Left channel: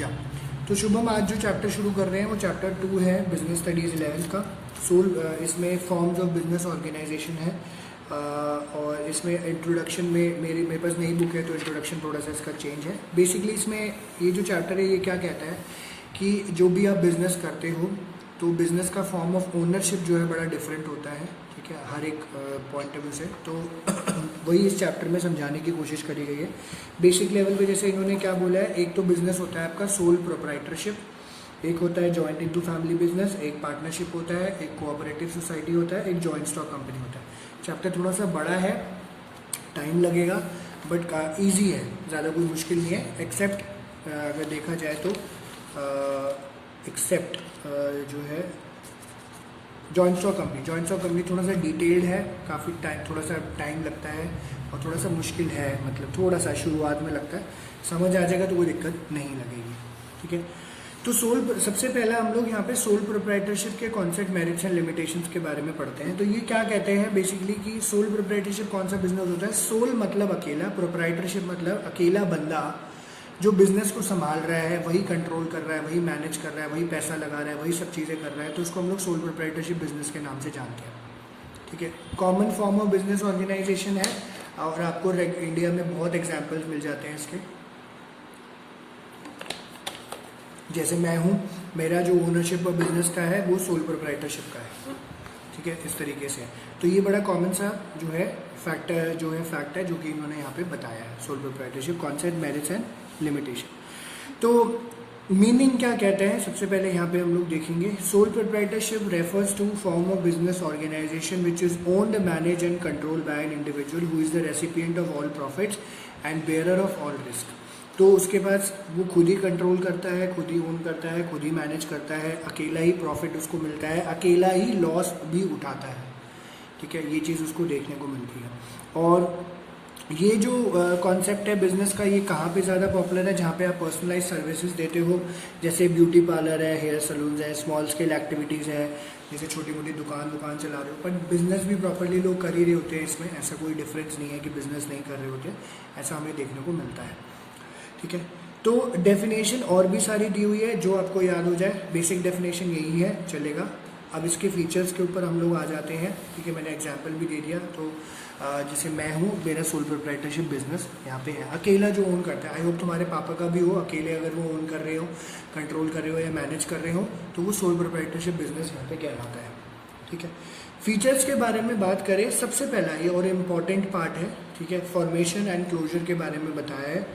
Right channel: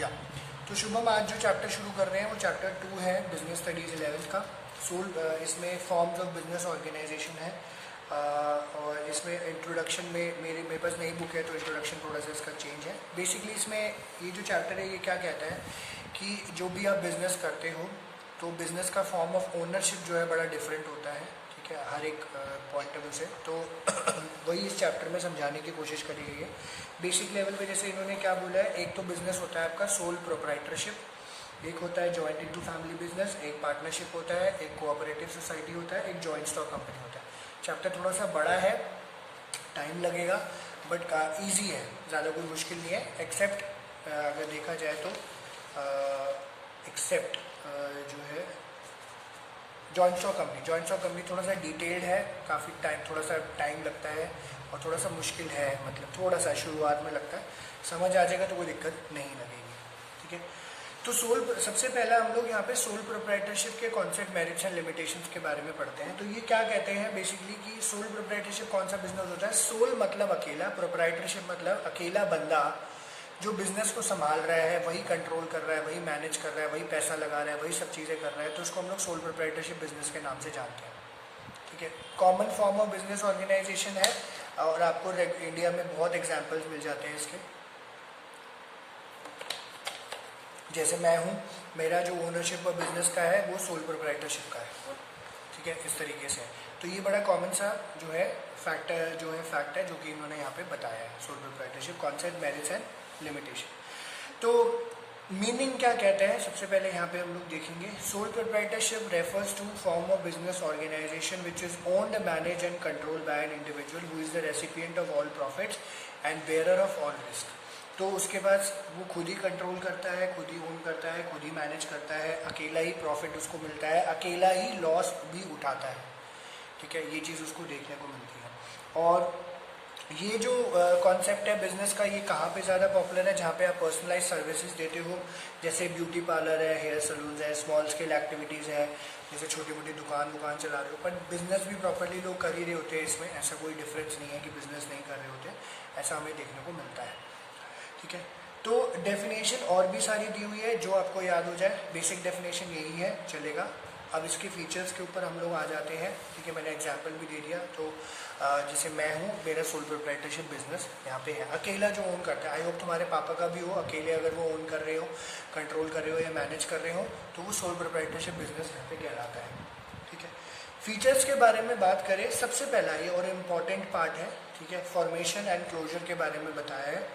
या तो शुभम आज जो चैप्टर शुरू कर रहे हैं वो चैप्टर 2 है बिजनेस स्टडीज 11th का सोल। इसमें फॉर्म्स ऑफ बिजनेस ऑर्गेनाइजेशन है और इसमें इंट्रोडक्शन में मेरे पास नई बुक है तो इंट्रोडक्शन थोड़ा सा इसका चेंज है। बेसिकली इसमें ये जो चैप्टर है ये क्या कहता है कि जो भी आप बिजनेस करते हो तो बिजनेस का फॉर्म ऑफ ओनरशिप जो है बड़ा डिफरेंट होता है, ठीक है, हर एक पॉइंट ऑफ व्यू से। तो वही इस चैप्टर में समझाने की कोशिश करी गई है। बेसिक लेवल पे जैसे इन्होंने क्या बोला है, एक तो बिजनेस होता है आपका सोल प्रोप्राइटरशिप, एक होता है जॉइंट इनटू फैमिली बिजनेस, एक पार्टनरशिप होता है, एक कोऑपरेटिव सोसाइटी होता है, एक जॉइंट स्टॉक कंपनी होता है। चैप्टर थोड़ा सा बड़ा है, टाइम लगेगा, बट ईजी है, ज़्यादा कोई मुश्किल नहीं है। एक्सेप्ट अगर देखा जाए तो एक्सेप्ट जो है जॉइंट स्टॉक कंपनी थोड़ा सा डिटेल्ड है, काफ़ी थोड़ा सा टाइम लगता है और थोड़ा सा मुश्किल है, मतलब थोड़ा सा शुरुआत में लगता है, समझ आ जाएगा तो कोई दिक्कत नहीं लगेगी, ठीक है। तो सबसे पहला हम लोग यहाँ पे सोल प्रोप्राइटरशिप के कॉन्सेप्ट, मेरिट्स एंड लिमिटेशंस के बारे में पढ़ते हैं। तो ये क्या कहते हैं बेसिकली कि सोल प्रोप्राइटरशिप कौन सा बिजनेस होता है। सोल मतलब अकेला, प्रोप्राइटरशिप मतलब अकेला बंदा जो बिजनेस को संभाल रहा है, वही कंट्रोल कर रहा है, वही मैनेज कर रहा है, वही पैसा लगा रहा है, वही सब चीज़ें कर रहा है, तो उसको हम लोग सोल प्रोप्राइटरशिप बिजनेस के नाम से जानते हैं, ठीक है। Common form of business organization है और आपको इंडिया में बहुत एग्जाम्पल्स मिल जाते हैं इसके। जैसे मैं हूँ, मेरा जो ओनरशिप ऑफ बिजनेस का है वो सोल प्रोप्राइटरशिप का है, ठीक है, इस तरीके से। तो ये बड़ा कॉमन सा जो है फैक्ट है जो कि इन्होंने यहाँ पे बताया है, sole proprietorship concept, merits and limitation. तो मीनिंग क्या कहते हैं, सबसे पहले यहाँ पे हम लोग देखेंगे। Sole proprietorship refers to form of business organisation which is owned, manage and control by an individual who is the recipient of all profits and bearer of all risk. तो उसके पास वो खुद ही कंट्रोल करता है, खुद ही ओन करता है, खुद ही मैनेज करता है, अकेला ही प्रॉफिट उसको मिलता है, अकेला ही लॉस भी उठाता है, ठीक है, ये चीज़ उसको देखने को मिलती है। और ये जो कॉन्सेप्ट है बिजनेस का, ये कहाँ पे ज़्यादा पॉपुलर है, जहाँ पे आप पर्सनलाइज सर्विसेज देते हो, जैसे ब्यूटी पार्लर है, हेयर सलून है, स्मॉल स्केल एक्टिविटीज़ है, जैसे छोटी मोटी दुकान चला रहे हो, पर बिजनेस भी प्रॉपरली लोग कर ही रहे होते हैं। इसमें ऐसा कोई डिफरेंस नहीं है कि बिजनेस नहीं कर रहे होते, ऐसा हमें देखने को मिलता है, ठीक है। तो डेफिनेशन और भी सारी दी हुई है, जो आपको याद हो जाए, बेसिक डेफिनेशन यही है, चलेगा। अब इसके फीचर्स के ऊपर हम लोग आ जाते हैं, ठीक है, मैंने एग्जांपल भी दे दिया। तो जैसे मैं हूँ, मेरा सोल प्रोप्राइटरशिप बिजनेस यहाँ पे है, अकेला जो ओन करता है। आई होप तुम्हारे पापा का भी हो, अकेले अगर वो ओन कर रहे हो, कंट्रोल कर रहे हो या मैनेज कर रहे हो, तो वो सोल प्रोप्राइटरशिप बिजनेस यहाँ पे कहलाता है, ठीक है। फीचर्स के बारे में बात करें, सबसे पहला ये और इम्पॉर्टेंट पार्ट है, ठीक है, फॉर्मेशन एंड क्लोजर के बारे में बताया है।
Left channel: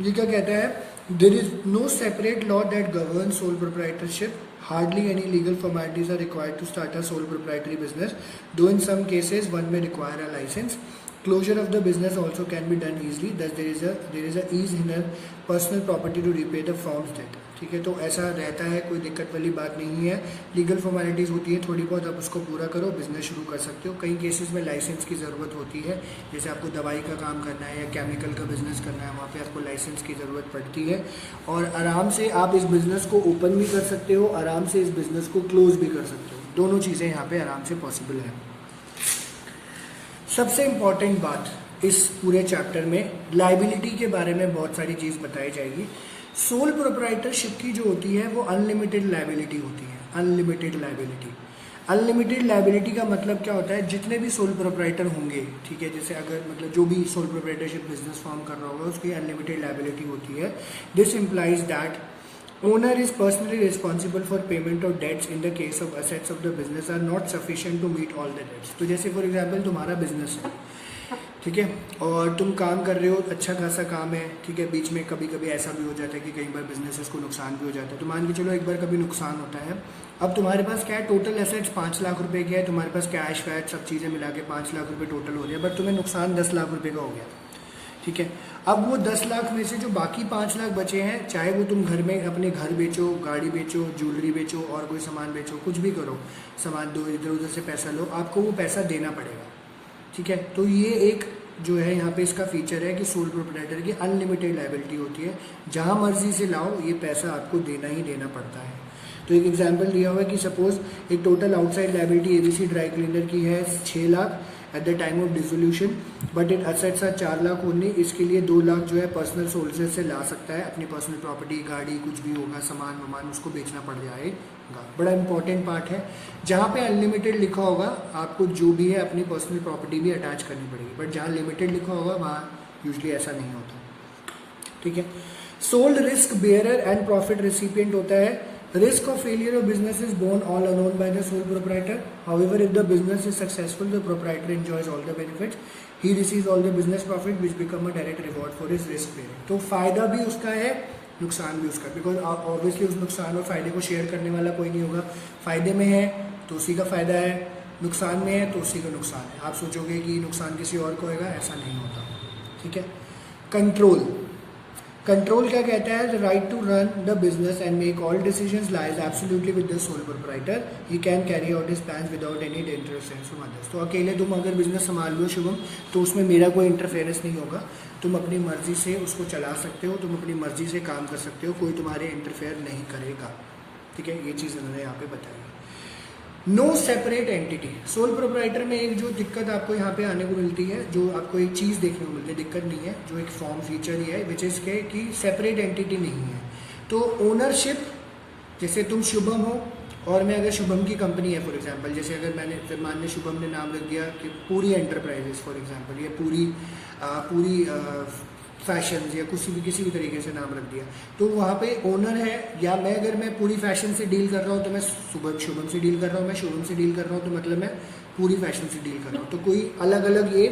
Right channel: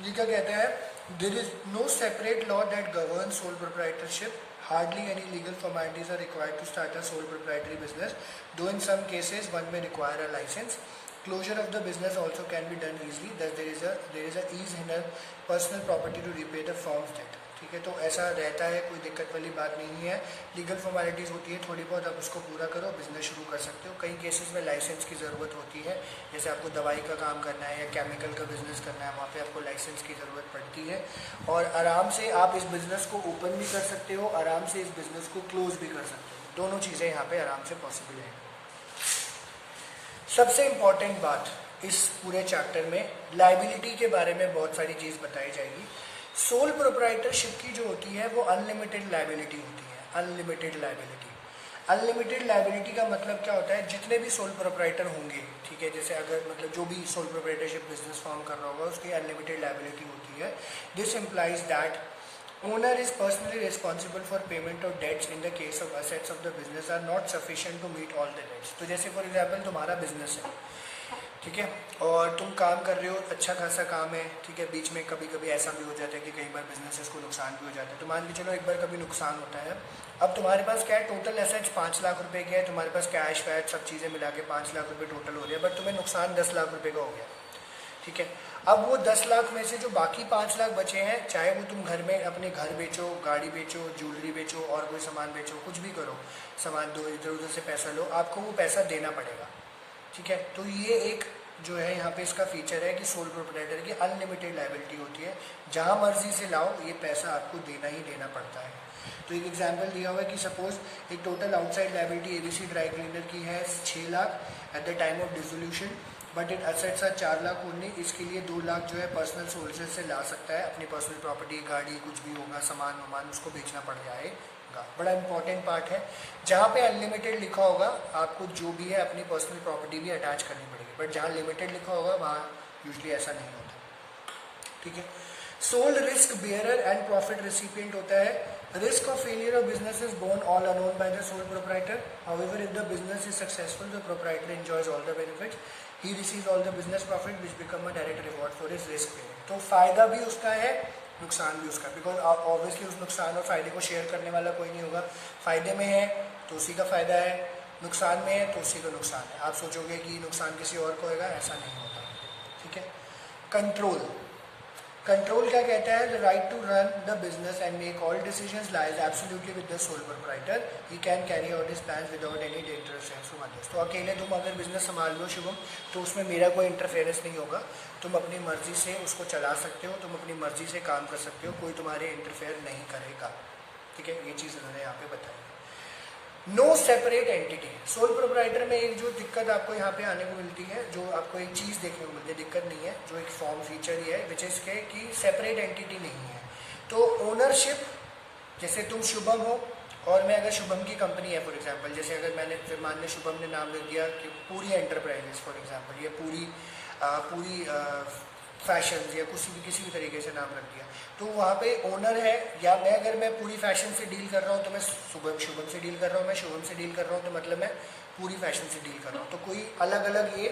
ये क्या कहता है, there is no separate law that govern sole proprietorship, hardly any legal formalities are required to start a sole proprietary business, though in some cases one may require a license. Closure of the business also can be done easily, thus there is a ease in a personal property to repay the firm's debt, ठीक है। तो ऐसा रहता है, कोई दिक्कत वाली बात नहीं है। लीगल फॉर्मेलिटीज़ होती है थोड़ी बहुत, आप उसको पूरा करो, बिजनेस शुरू कर सकते हो। कई केसेस में लाइसेंस की ज़रूरत होती है, जैसे आपको दवाई का काम करना है या केमिकल का बिजनेस करना है, वहाँ पे आपको लाइसेंस की ज़रूरत पड़ती है। और आराम से आप इस बिज़नेस को ओपन भी कर सकते हो, आराम से इस बिज़नेस को क्लोज भी कर सकते हो, दोनों चीज़ें यहाँ पर आराम से पॉसिबल है। सबसे इम्पॉर्टेंट बात इस पूरे चैप्टर में लाइबिलिटी के बारे में बहुत सारी चीज़ बताई जाएगी। सोल प्रोप्राइटरशिप की जो होती है वो अनलिमिटेड लाइबिलिटी होती है। अनलिमिटेड लाइबिलिटी का मतलब क्या होता है, जितने भी सोल प्रोप्राइटर होंगे, ठीक है, जैसे अगर मतलब जो भी सोल प्रोप्राइटरशिप बिजनेस फॉर्म कर रहा होगा उसकी अनलिमिटेड लाइबिलिटी होती है। This implies that owner is personally responsible for payment of debts in the case of assets of the business are not sufficient to meet all the debts। तो जैसे for example तुम्हारा business है, ठीक है, और तुम काम कर रहे हो, अच्छा खासा काम है, ठीक है, बीच में कभी कभी ऐसा भी हो जाता है कि कई बार बिजनेसेस को नुकसान भी हो जाता है। तो मान के चलो एक बार कभी नुकसान होता है, अब तुम्हारे पास क्या है, टोटल एसेट्स 5 लाख रुपए के है, तुम्हारे पास कैश वैश सब चीज़ें मिला के 5 लाख रुपए टोटल हो रही है, बट तुम्हें नुकसान 10 लाख रुपए का हो गया, ठीक है। अब वो 10 लाख में से जो बाकी 5 लाख बचे हैं, चाहे वो तुम घर में अपने घर बेचो, गाड़ी बेचो, ज्वेलरी बेचो और कोई सामान बेचो, कुछ भी करो, सामान दो, इधर उधर से पैसा लो, आपको वो पैसा देना पड़ेगा, ठीक है। तो ये एक जो है यहाँ पे इसका फीचर है कि सोल प्रोप्राइटर की अनलिमिटेड लाइबिलिटी होती है, जहाँ मर्जी से लाओ ये पैसा आपको देना ही देना पड़ता है। तो एक एग्जांपल दिया हुआ है कि सपोज एक total outside liability ABC dry cleaner की है 6 lakh, at the time of dissolution, but in assets are 4 lakh only. इसके लिए 2 लाख जो है पर्सनल सोर्सेज से ला सकता है, अपनी पर्सनल प्रॉपर्टी, गाड़ी, कुछ भी होगा, सामान वामान, उसको बेचना पड़ जाएगा। बड़ा इंपॉर्टेंट पार्ट है, जहाँ पे अनलिमिटेड लिखा होगा आपको जो भी है अपनी पर्सनल प्रॉपर्टी भी अटैच करनी पड़ेगी, बट जहाँ लिमिटेड लिखा होगा वहाँ यूजली ऐसा नहीं होता, ठीक है। Sole risk bearer and profit recipient होता है। Risk of failure of business is borne all alone by the sole proprietor. However, if the business is successful, the proprietor enjoys all the benefits. He receives all the business profit, which become a direct reward for his risk bearing. तो फायदा भी उसका है, नुकसान भी उसका, because obviously उस नुकसान और फायदे को शेयर करने वाला कोई नहीं होगा। फायदे में है तो उसी का फायदा है, नुकसान में है तो उसी का नुकसान है। आप सोचोगे कि नुकसान किसी और को होगा, ऐसा नहीं होता, ठीक है। कंट्रोल, कंट्रोल क्या कहता है? The right to run the business and make all decisions lies absolutely with the sole proprietor. He can carry out his plans without any interference from others. तो अकेले तुम अगर बिजनेस संभाल लो शुभम, तो उसमें मेरा कोई इंटरफेरेंस नहीं होगा। तुम अपनी मर्जी से उसको चला सकते हो, तुम अपनी मर्जी से काम कर सकते हो, कोई तुम्हारे इंटरफेयर नहीं करेगा, ठीक है। ये चीज़ इन्होंने यहाँ पे बताई है। No separate entity, sole proprietor में एक जो दिक्कत आपको यहाँ पे आने को मिलती है, जो आपको एक चीज़ देखने को मिलती है, दिक्कत नहीं है, जो एक फॉर्म फीचर ही है, विच इज के कि सेपरेट एंटिटी नहीं है। तो ओनरशिप, जैसे तुम शुभम हो और मैं अगर शुभम की कंपनी है फॉर एग्जांपल, जैसे अगर मैंने मान ली शुभम ने नाम रख दिया कि पूरी एंटरप्राइजेस फॉर एग्जांपल, या पूरी फैशन या किसी भी तरीके से नाम रख दिया, तो वहाँ पे ओनर है, या मैं अगर मैं पूरी फैशन से डील कर रहा हूँ तो मैं शुभम से डील कर रहा हूँ, मैं शुभम से डील कर रहा हूँ तो मतलब मैं पूरी फैशन से डील कर रहा हूँ। तो कोई अलग अलग ये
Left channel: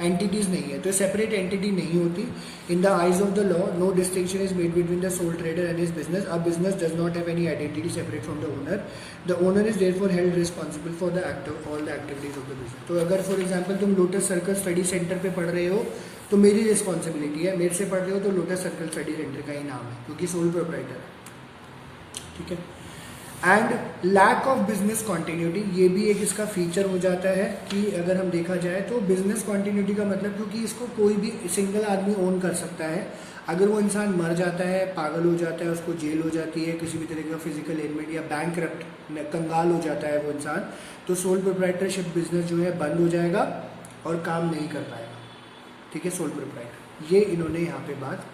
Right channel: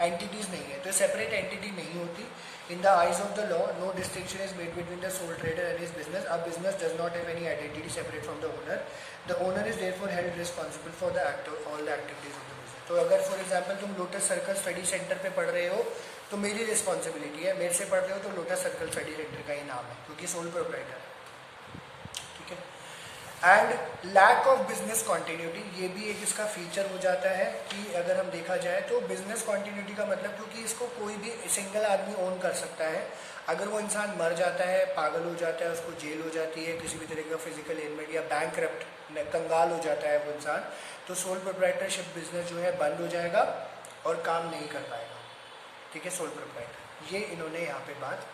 एंटिटीज नहीं है, तो सेपरेट एंटिटी नहीं होती। In the eyes of the law no distinction is made between the sole trader and his business. A business does not have any identity separate from the owner. The owner is therefore held responsible for the all the activities of the business. तो अगर for example तुम Lotus Circle study centre पे पढ़ रहे हो तो मेरी responsibility है, मेरे से पढ़ रहे हो तो लोटस सर्कल स्टडी सेंटर का ही नाम है, क्योंकि सोल प्रोप्राइटर है, ठीक है। And lack of business continuity, ये भी एक इसका फीचर हो जाता है कि अगर हम देखा जाए तो बिजनेस कॉन्टिन्यूटी का मतलब, क्योंकि इसको कोई भी सिंगल आदमी ओन कर सकता है, अगर वो इंसान मर जाता है, पागल हो जाता है, उसको जेल हो जाती है, किसी भी तरह का फिजिकल एलिमेंट या बैंकरप्ट, कंगाल हो जाता है वो इंसान, तो सोल प्रोप्राइटरशिप बिजनेस जो है बंद हो जाएगा और काम नहीं कर पाएगा, ठीक है, सोल प्रोप्राइटर। ये इन्होंने यहाँ पे बात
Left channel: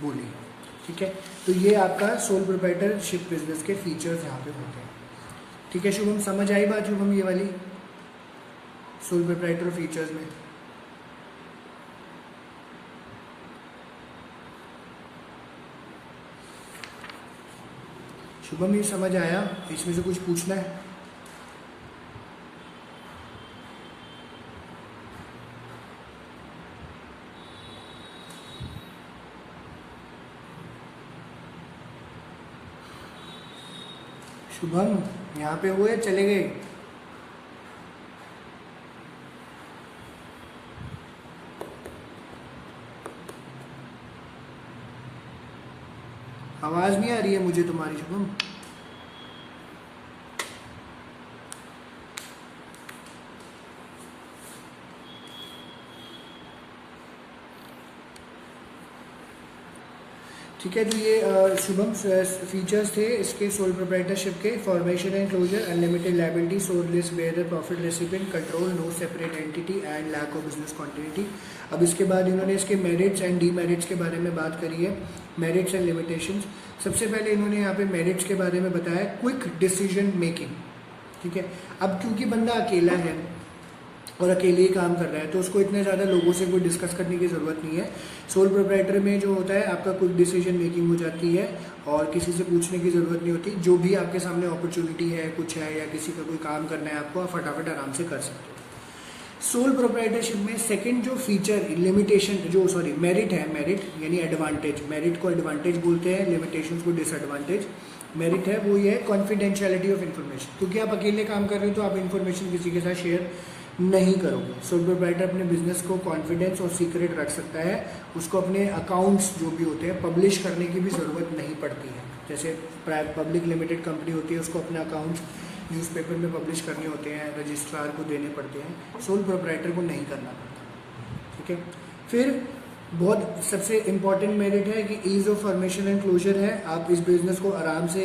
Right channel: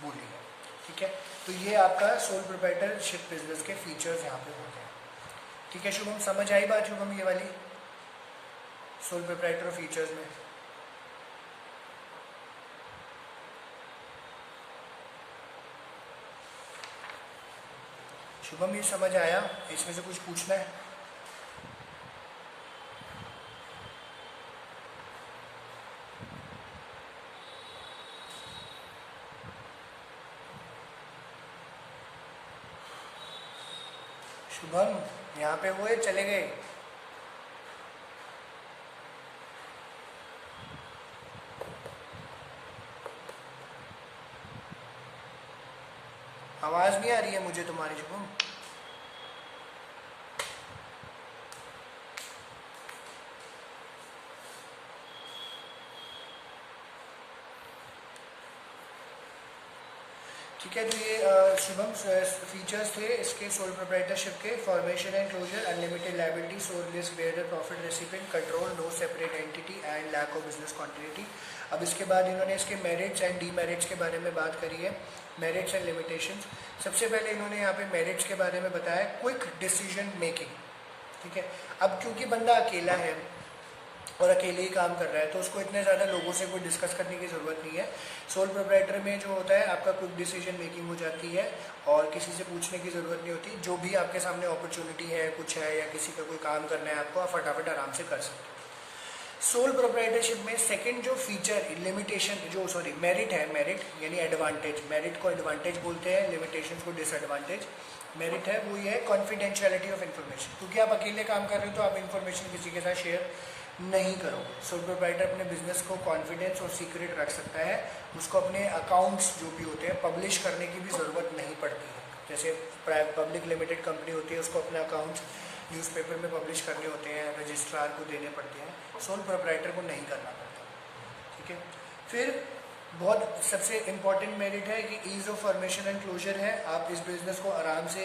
बोली है, ठीक है। तो ये आपका सोल प्रोप्राइटरशिप बिजनेस के फीचर्स यहाँ पे होते हैं, ठीक है। शुभम समझ आई बात शुभम, ये वाली सोल प्रोप्राइटर फीचर्स में? शुभम ये समझ आया? इसमें से कुछ पूछना है? शुभम यहाँ पे हुए, चले गए? आवाज नहीं आ रही है मुझे तुम्हारी शुभम। ठीक है, तो ये शुभम फीचर्स थे इसके सोल प्रोप्राइटरशिप के। Formation and closure, unlimited liability, sole risk bearer, profit recipient, control, no separate entity and lack of business continuity. अब इसके बाद इन्होंने इसके मेरिट्स एंड डीमेरिट्स के बारे में बात करी है, मेरिट्स एंड लिमिटेशंस। सबसे पहले इन्होंने यहाँ पे मेरिट्स के बारे में बताया, क्विक डिसीजन मेकिंग, ठीक है। अब क्योंकि बंदा अकेला है और अकेले ही काम कर रहा है तो उसको इतने ज़्यादा लोगों से कोई डिस्कस करने की ज़रूरत नहीं है। सोल प्रोप्राइटर में जो होता है आपका क्विक डिसीजन मेकिंग हो जाती है और किसी से पूछने की ज़रूरत नहीं होती। जो भी आपके सामने अपॉर्चुनिटी है, कुछ है, या किसी का कोई काम करना है आपको, आप फटाफट आराम से कर सकते हो। सोल प्रोप्राइटरशिप में सेकंड जो फीचर लिमिटेशन, मेरिट है, मेरिट यानी एडवांटेज, मेरिट को एडवांटेज बोलते हैं, लिमिटेशंस को डिसएडवांटेज। मेरिट है वो ये है कॉन्फिडेंशियलिटी ऑफ इन्फॉर्मेशन, क्योंकि आप अकेले काम कर रहे हो तो आप इन्फॉर्मेशन किसी के साथ शेयर नहीं करोगे। सोल प्रोप्राइटर अपने बिजनेस को कॉन्फिडेंस और सीक्रेट रख सकता है, उसको अपने अकाउंट्स जो भी होते हैं पब्लिश करने की भी ज़रूरत नहीं पड़ती है। जैसे पब्लिक लिमिटेड कंपनी होती है, उसको अपने अकाउंट्स न्यूज़पेपर में पब्लिश करने होते हैं, रजिस्ट्रार को देने पड़ते हैं, सोल प्रोप्राइटर को नहीं करना पड़ता, ठीक है। फिर बहुत सबसे इम्पॉर्टेंट मेरिट है कि ease of formation and closure है। आप इस बिजनेस को आराम से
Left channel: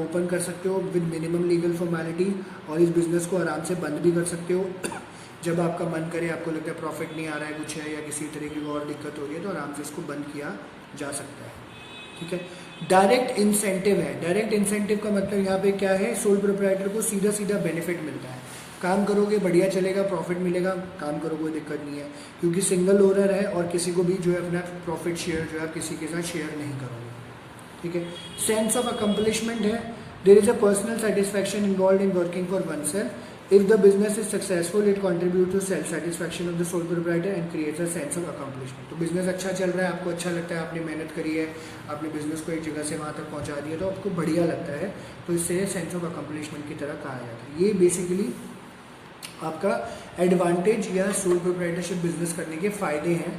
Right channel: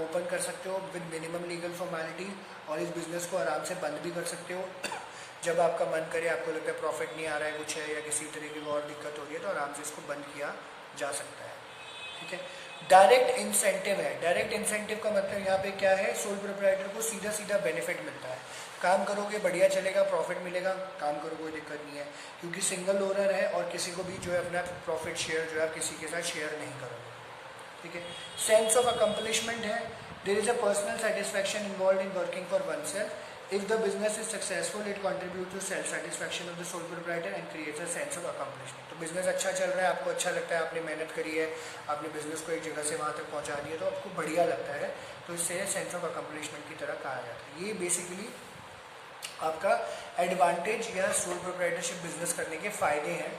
ओपन कर सकते हो विद मिनिमम लीगल फॉर्मेलिटी, और इस बिजनेस को आराम से बंद भी कर सकते हो जब आपका मन करे, आपको लगता है प्रॉफिट नहीं आ रहा है, कुछ है या किसी तरीके की और दिक्कत हो रही है, तो आराम से इसको बंद किया जा सकता है। ठीक है। डायरेक्ट इंसेंटिव है। डायरेक्ट इंसेंटिव का मतलब यहाँ पे क्या है, सोल प्रोप्राइटर को सीधा सीधा बेनिफिट मिलता है। काम करोगे बढ़िया चलेगा, प्रॉफिट मिलेगा, काम करो कोई दिक्कत नहीं है, क्योंकि सिंगल ओनर है और किसी को भी जो है अपना प्रॉफिट शेयर जो है आप किसी के साथ शेयर नहीं करोगे। ठीक है। सेंस ऑफ अकम्पलिशमेंट है, there is a personal satisfaction involve in working for oneself. If the business is successful, it contributes to self satisfaction of the sole proprietor and creates a sense of accomplishment. तो business अच्छा चल रहा है, आपको अच्छा लगता है, आपने मेहनत करी है, आपने बिजनेस को एक जगह से वहाँ तक पहुँचा दिया, तो आपको बढ़िया लगता है, तो इससे सेंस ऑफ अकम्पलिशमेंट की तरह कहा जाता है। ये बेसिकली आपका एडवांटेज या सोल प्रोप्राइटरशिप बिजनेस करने के फायदे हैं।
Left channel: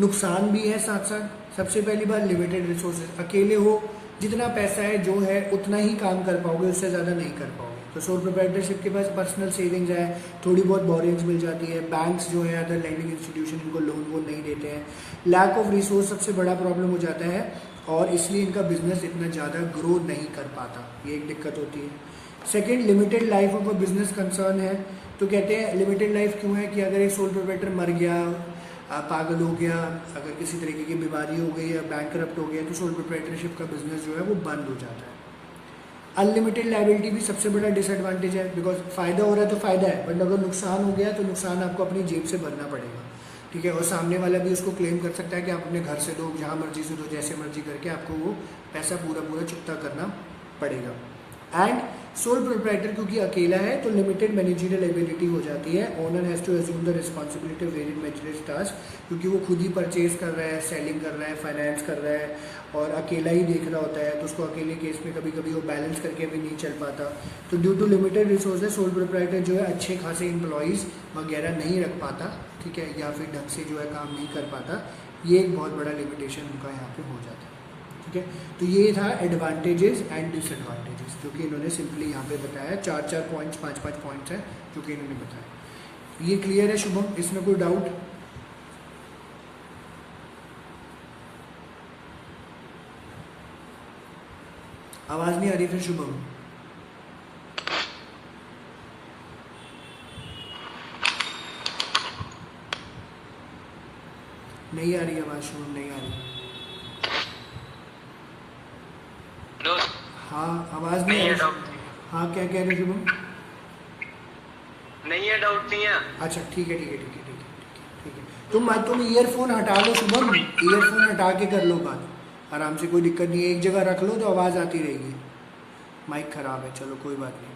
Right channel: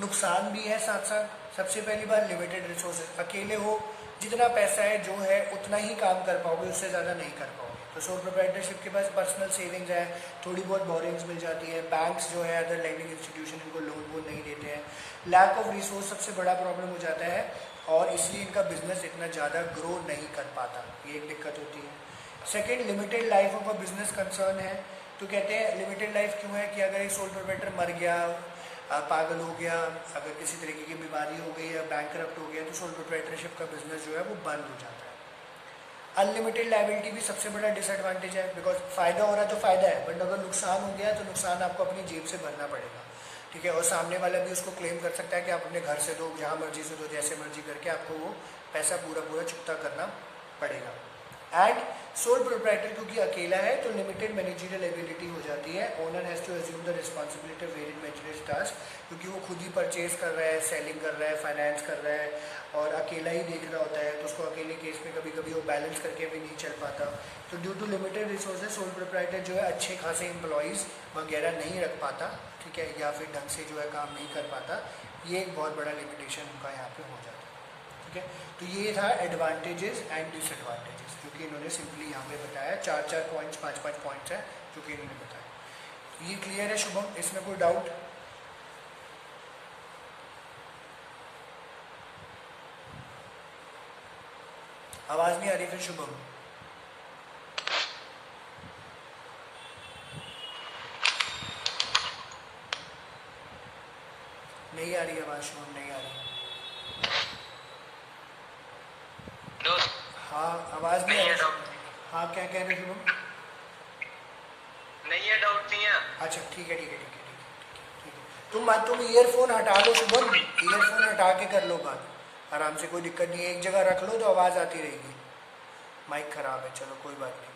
नुकसान भी है साथ साथ। सबसे पहली बात, लिमिटेड रिसोर्सेज। अकेले हो, जितना पैसा है जो है उतना ही काम कर पाओगे, उससे ज़्यादा नहीं कर पाओगे। तो सोल प्रोप्राइटरशिप के पास पर्सनल सेविंग्स है, थोड़ी बहुत बोरिंग्स मिल जाती है, बैंक्स जो है अदर लैंडिंग इंस्टीट्यूशन इनको लोन वोन नहीं देते हैं। लैक ऑफ रिसोर्स सबसे बड़ा प्रॉब्लम हो जाता है और इसलिए इनका बिजनेस इतना ज़्यादा ग्रो नहीं कर पाता, ये एक दिक्कत होती है। Second, limited life of a business concern है। तो कहते हैं लिमिटेड लाइफ क्यों है कि अगर एक सोल प्रोप्राइटर मर गया, पागल हो गया, अगर किसी तरीके की बीमारी हो गई या बैंकरप्ट हो गया, तो सोल प्रोप्राइटरशिप का बिजनेस जो है वो बंद हो जाता है। अनलिमिटेड लायबिलिटी भी सबसे बड़ा डिसएडवांटेज है, बिकॉज फायदा हो रहा है तो फायदा है, बट अगर नुकसान हो गया तो नुकसान आपको अपनी जेब से भरना पड़ेगा। ठीक है। और सामने वाला भी उसको क्लेम कर सकता है कि आप अपने घर से दो, जहाँ मर्जी से दो, जैसे मर्जी करके आपको वो पैसा पूरा चुकता करना पड़ेगा। एंड सोल प्रोप्राइटर क्योंकि अकेला है तो लिमिटेड मैनेजरियल एबिलिटी हो जाती है। Owner has to assume the responsibility of various managerial task, क्योंकि वो खुद ही परचेज कर रहा है, सेलिंग कर रहा है, फाइनेंस कर रहा है और अकेला ही देख रहा होता है, तो उसको अकेले केस में कभी कभी वो बैलेंस करके भी नहीं चल पाता। तो due to limited resources sole proprietor जो है अच्छे खासे एम्प्लॉयज़ वगैरह नहीं रख पाता। ठीक है। या फिर ढंग से जो है काम नहीं कर पाता। ये एक बहुत बड़ा लिमिटेशन उनका यहाँ पे हो जाता है। ठीक है। तो ये था एडवांटेजेस एंड डिसएडवांटेजेस जो कि इन्होंने सिंपली यहाँ पे बताया। 4 पॉइंट्स 5 पॉइंट्स हैं जो कि इन्होंने बताया। ये क्लियर है शुभम, इसमें कोई डाउट? आवाज नहीं आ रही फिर शुभम? नहीं आ रही आवाज शुभम, नहीं आ रही। हाँ आवाज नहीं आ रही। हाँ क्या कह रहे हो शुभम? नहीं है, डाउट नहीं है। अच्छा ठीक है। तुम ईयरफोन हटा लो शुभम, ईयरफोन हटा के कर लो बात आराम से, कोई दिक्कत नहीं है। एक जगह रख लो तो आवाज़ आती रहेगी। माइक खराब है, चलो कोई बात नहीं।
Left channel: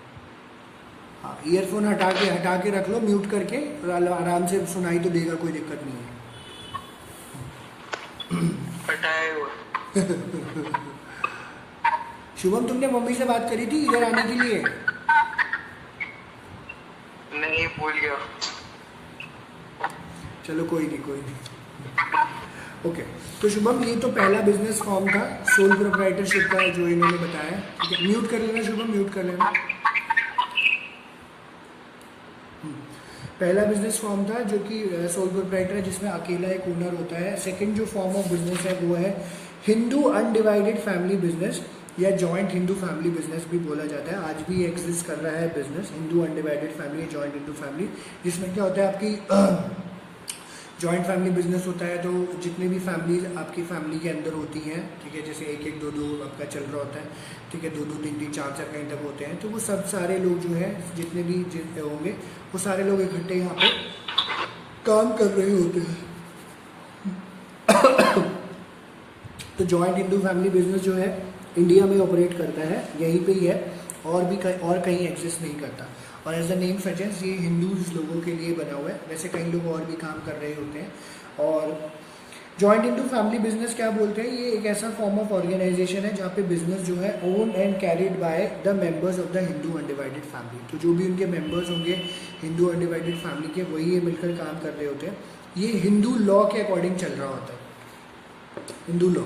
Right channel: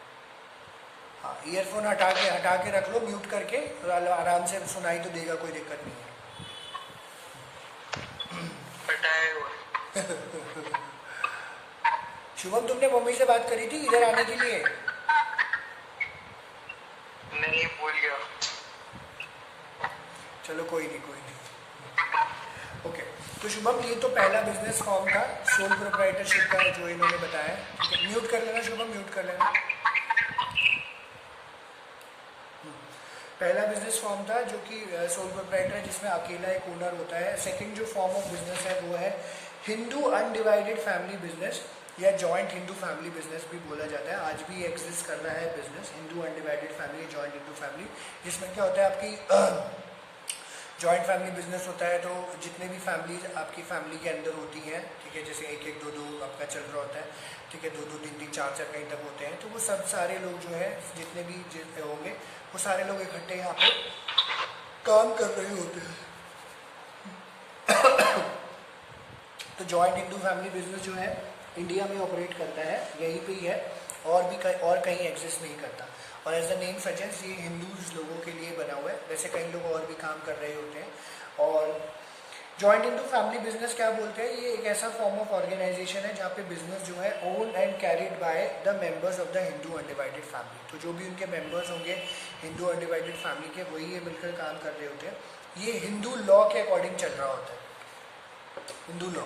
हाँ ईयरफोन हटा के रख लो, म्यूट करके, आराम से सुनाई तो देगा, कोई दिक्कत नहीं है। शुभम तुमने मम्मी से बात करी थी इधर आने के लिए? नहीं, भूल गया। चलो कोई नहीं। ओके। तो शुभम ये तो पहला बिजनेस फॉर्म था सोल प्रोप्राइटरशिप का जो इन्होंने बताया। ठीक है। म्यूट कर लेना शुभम, म्यूट कर लेना। पहला बिजनेस फॉर्म था जो कि सोल प्रोप्राइटर है, जिसमें अकेला एक ओनर होता है। सेकंड जो फॉर्म ऑफ बिजनेस है वो है हिंदू अनडिवाइडेड फैमिली बिजनेस या जॉइंट हिंदू फैमिली बिजनेस भी बोला जाता है। आज भी एग्जिस्ट कर रहा है business, Hindu undivided family, joint Hindu family, जिसमें क्या होता है आपकी जॉइंट फैमिली बिजनेस होता है तो जितने भी फैमिलीज आपकी फैमिली के अंदर होती हैं, ठीक है, जैसे 1-1, 2-2 आपका चल रहा होता है, ठीक है, 2-2, 3-3, 4-4 कहीं तक होते हैं, तो वो सब सारे लोग जो है जितने भी होंगे वो सारे लोग इकट्ठे यहाँ पे काम कर रहे होते हैं। तो जॉइंट हिंदू फैमिली बिजनेस जो है इंडिया में ऑपरेट करता है, यहीं पे ही है, और कहीं एग्जिस्ट नहीं करता। और एज द नेम सजेस्ट ये हिंदूज लोगों के लिए बना हुआ है, वैसे कई लोग और भी काम कर रहे होते हैं। और जॉइंट हिंदू फैमिली बिजनेस क्या बोलते हैं, ये एक ऐसा फॉर्म ऑफ ऑर्गेनाइजेशन है जहाँ पे बिजनेस जो है own and carried by the members of the Hindu undivided family. तो जो भी उनके मेंबर्स होंगे हिंदू अनडिवाइडेड फैमिली के, वही ये मिलकर काम कर रहे होते हैं। ये हिंदू लॉ के अकॉर्डिंग चल रहा होता है, हिंदू लॉ,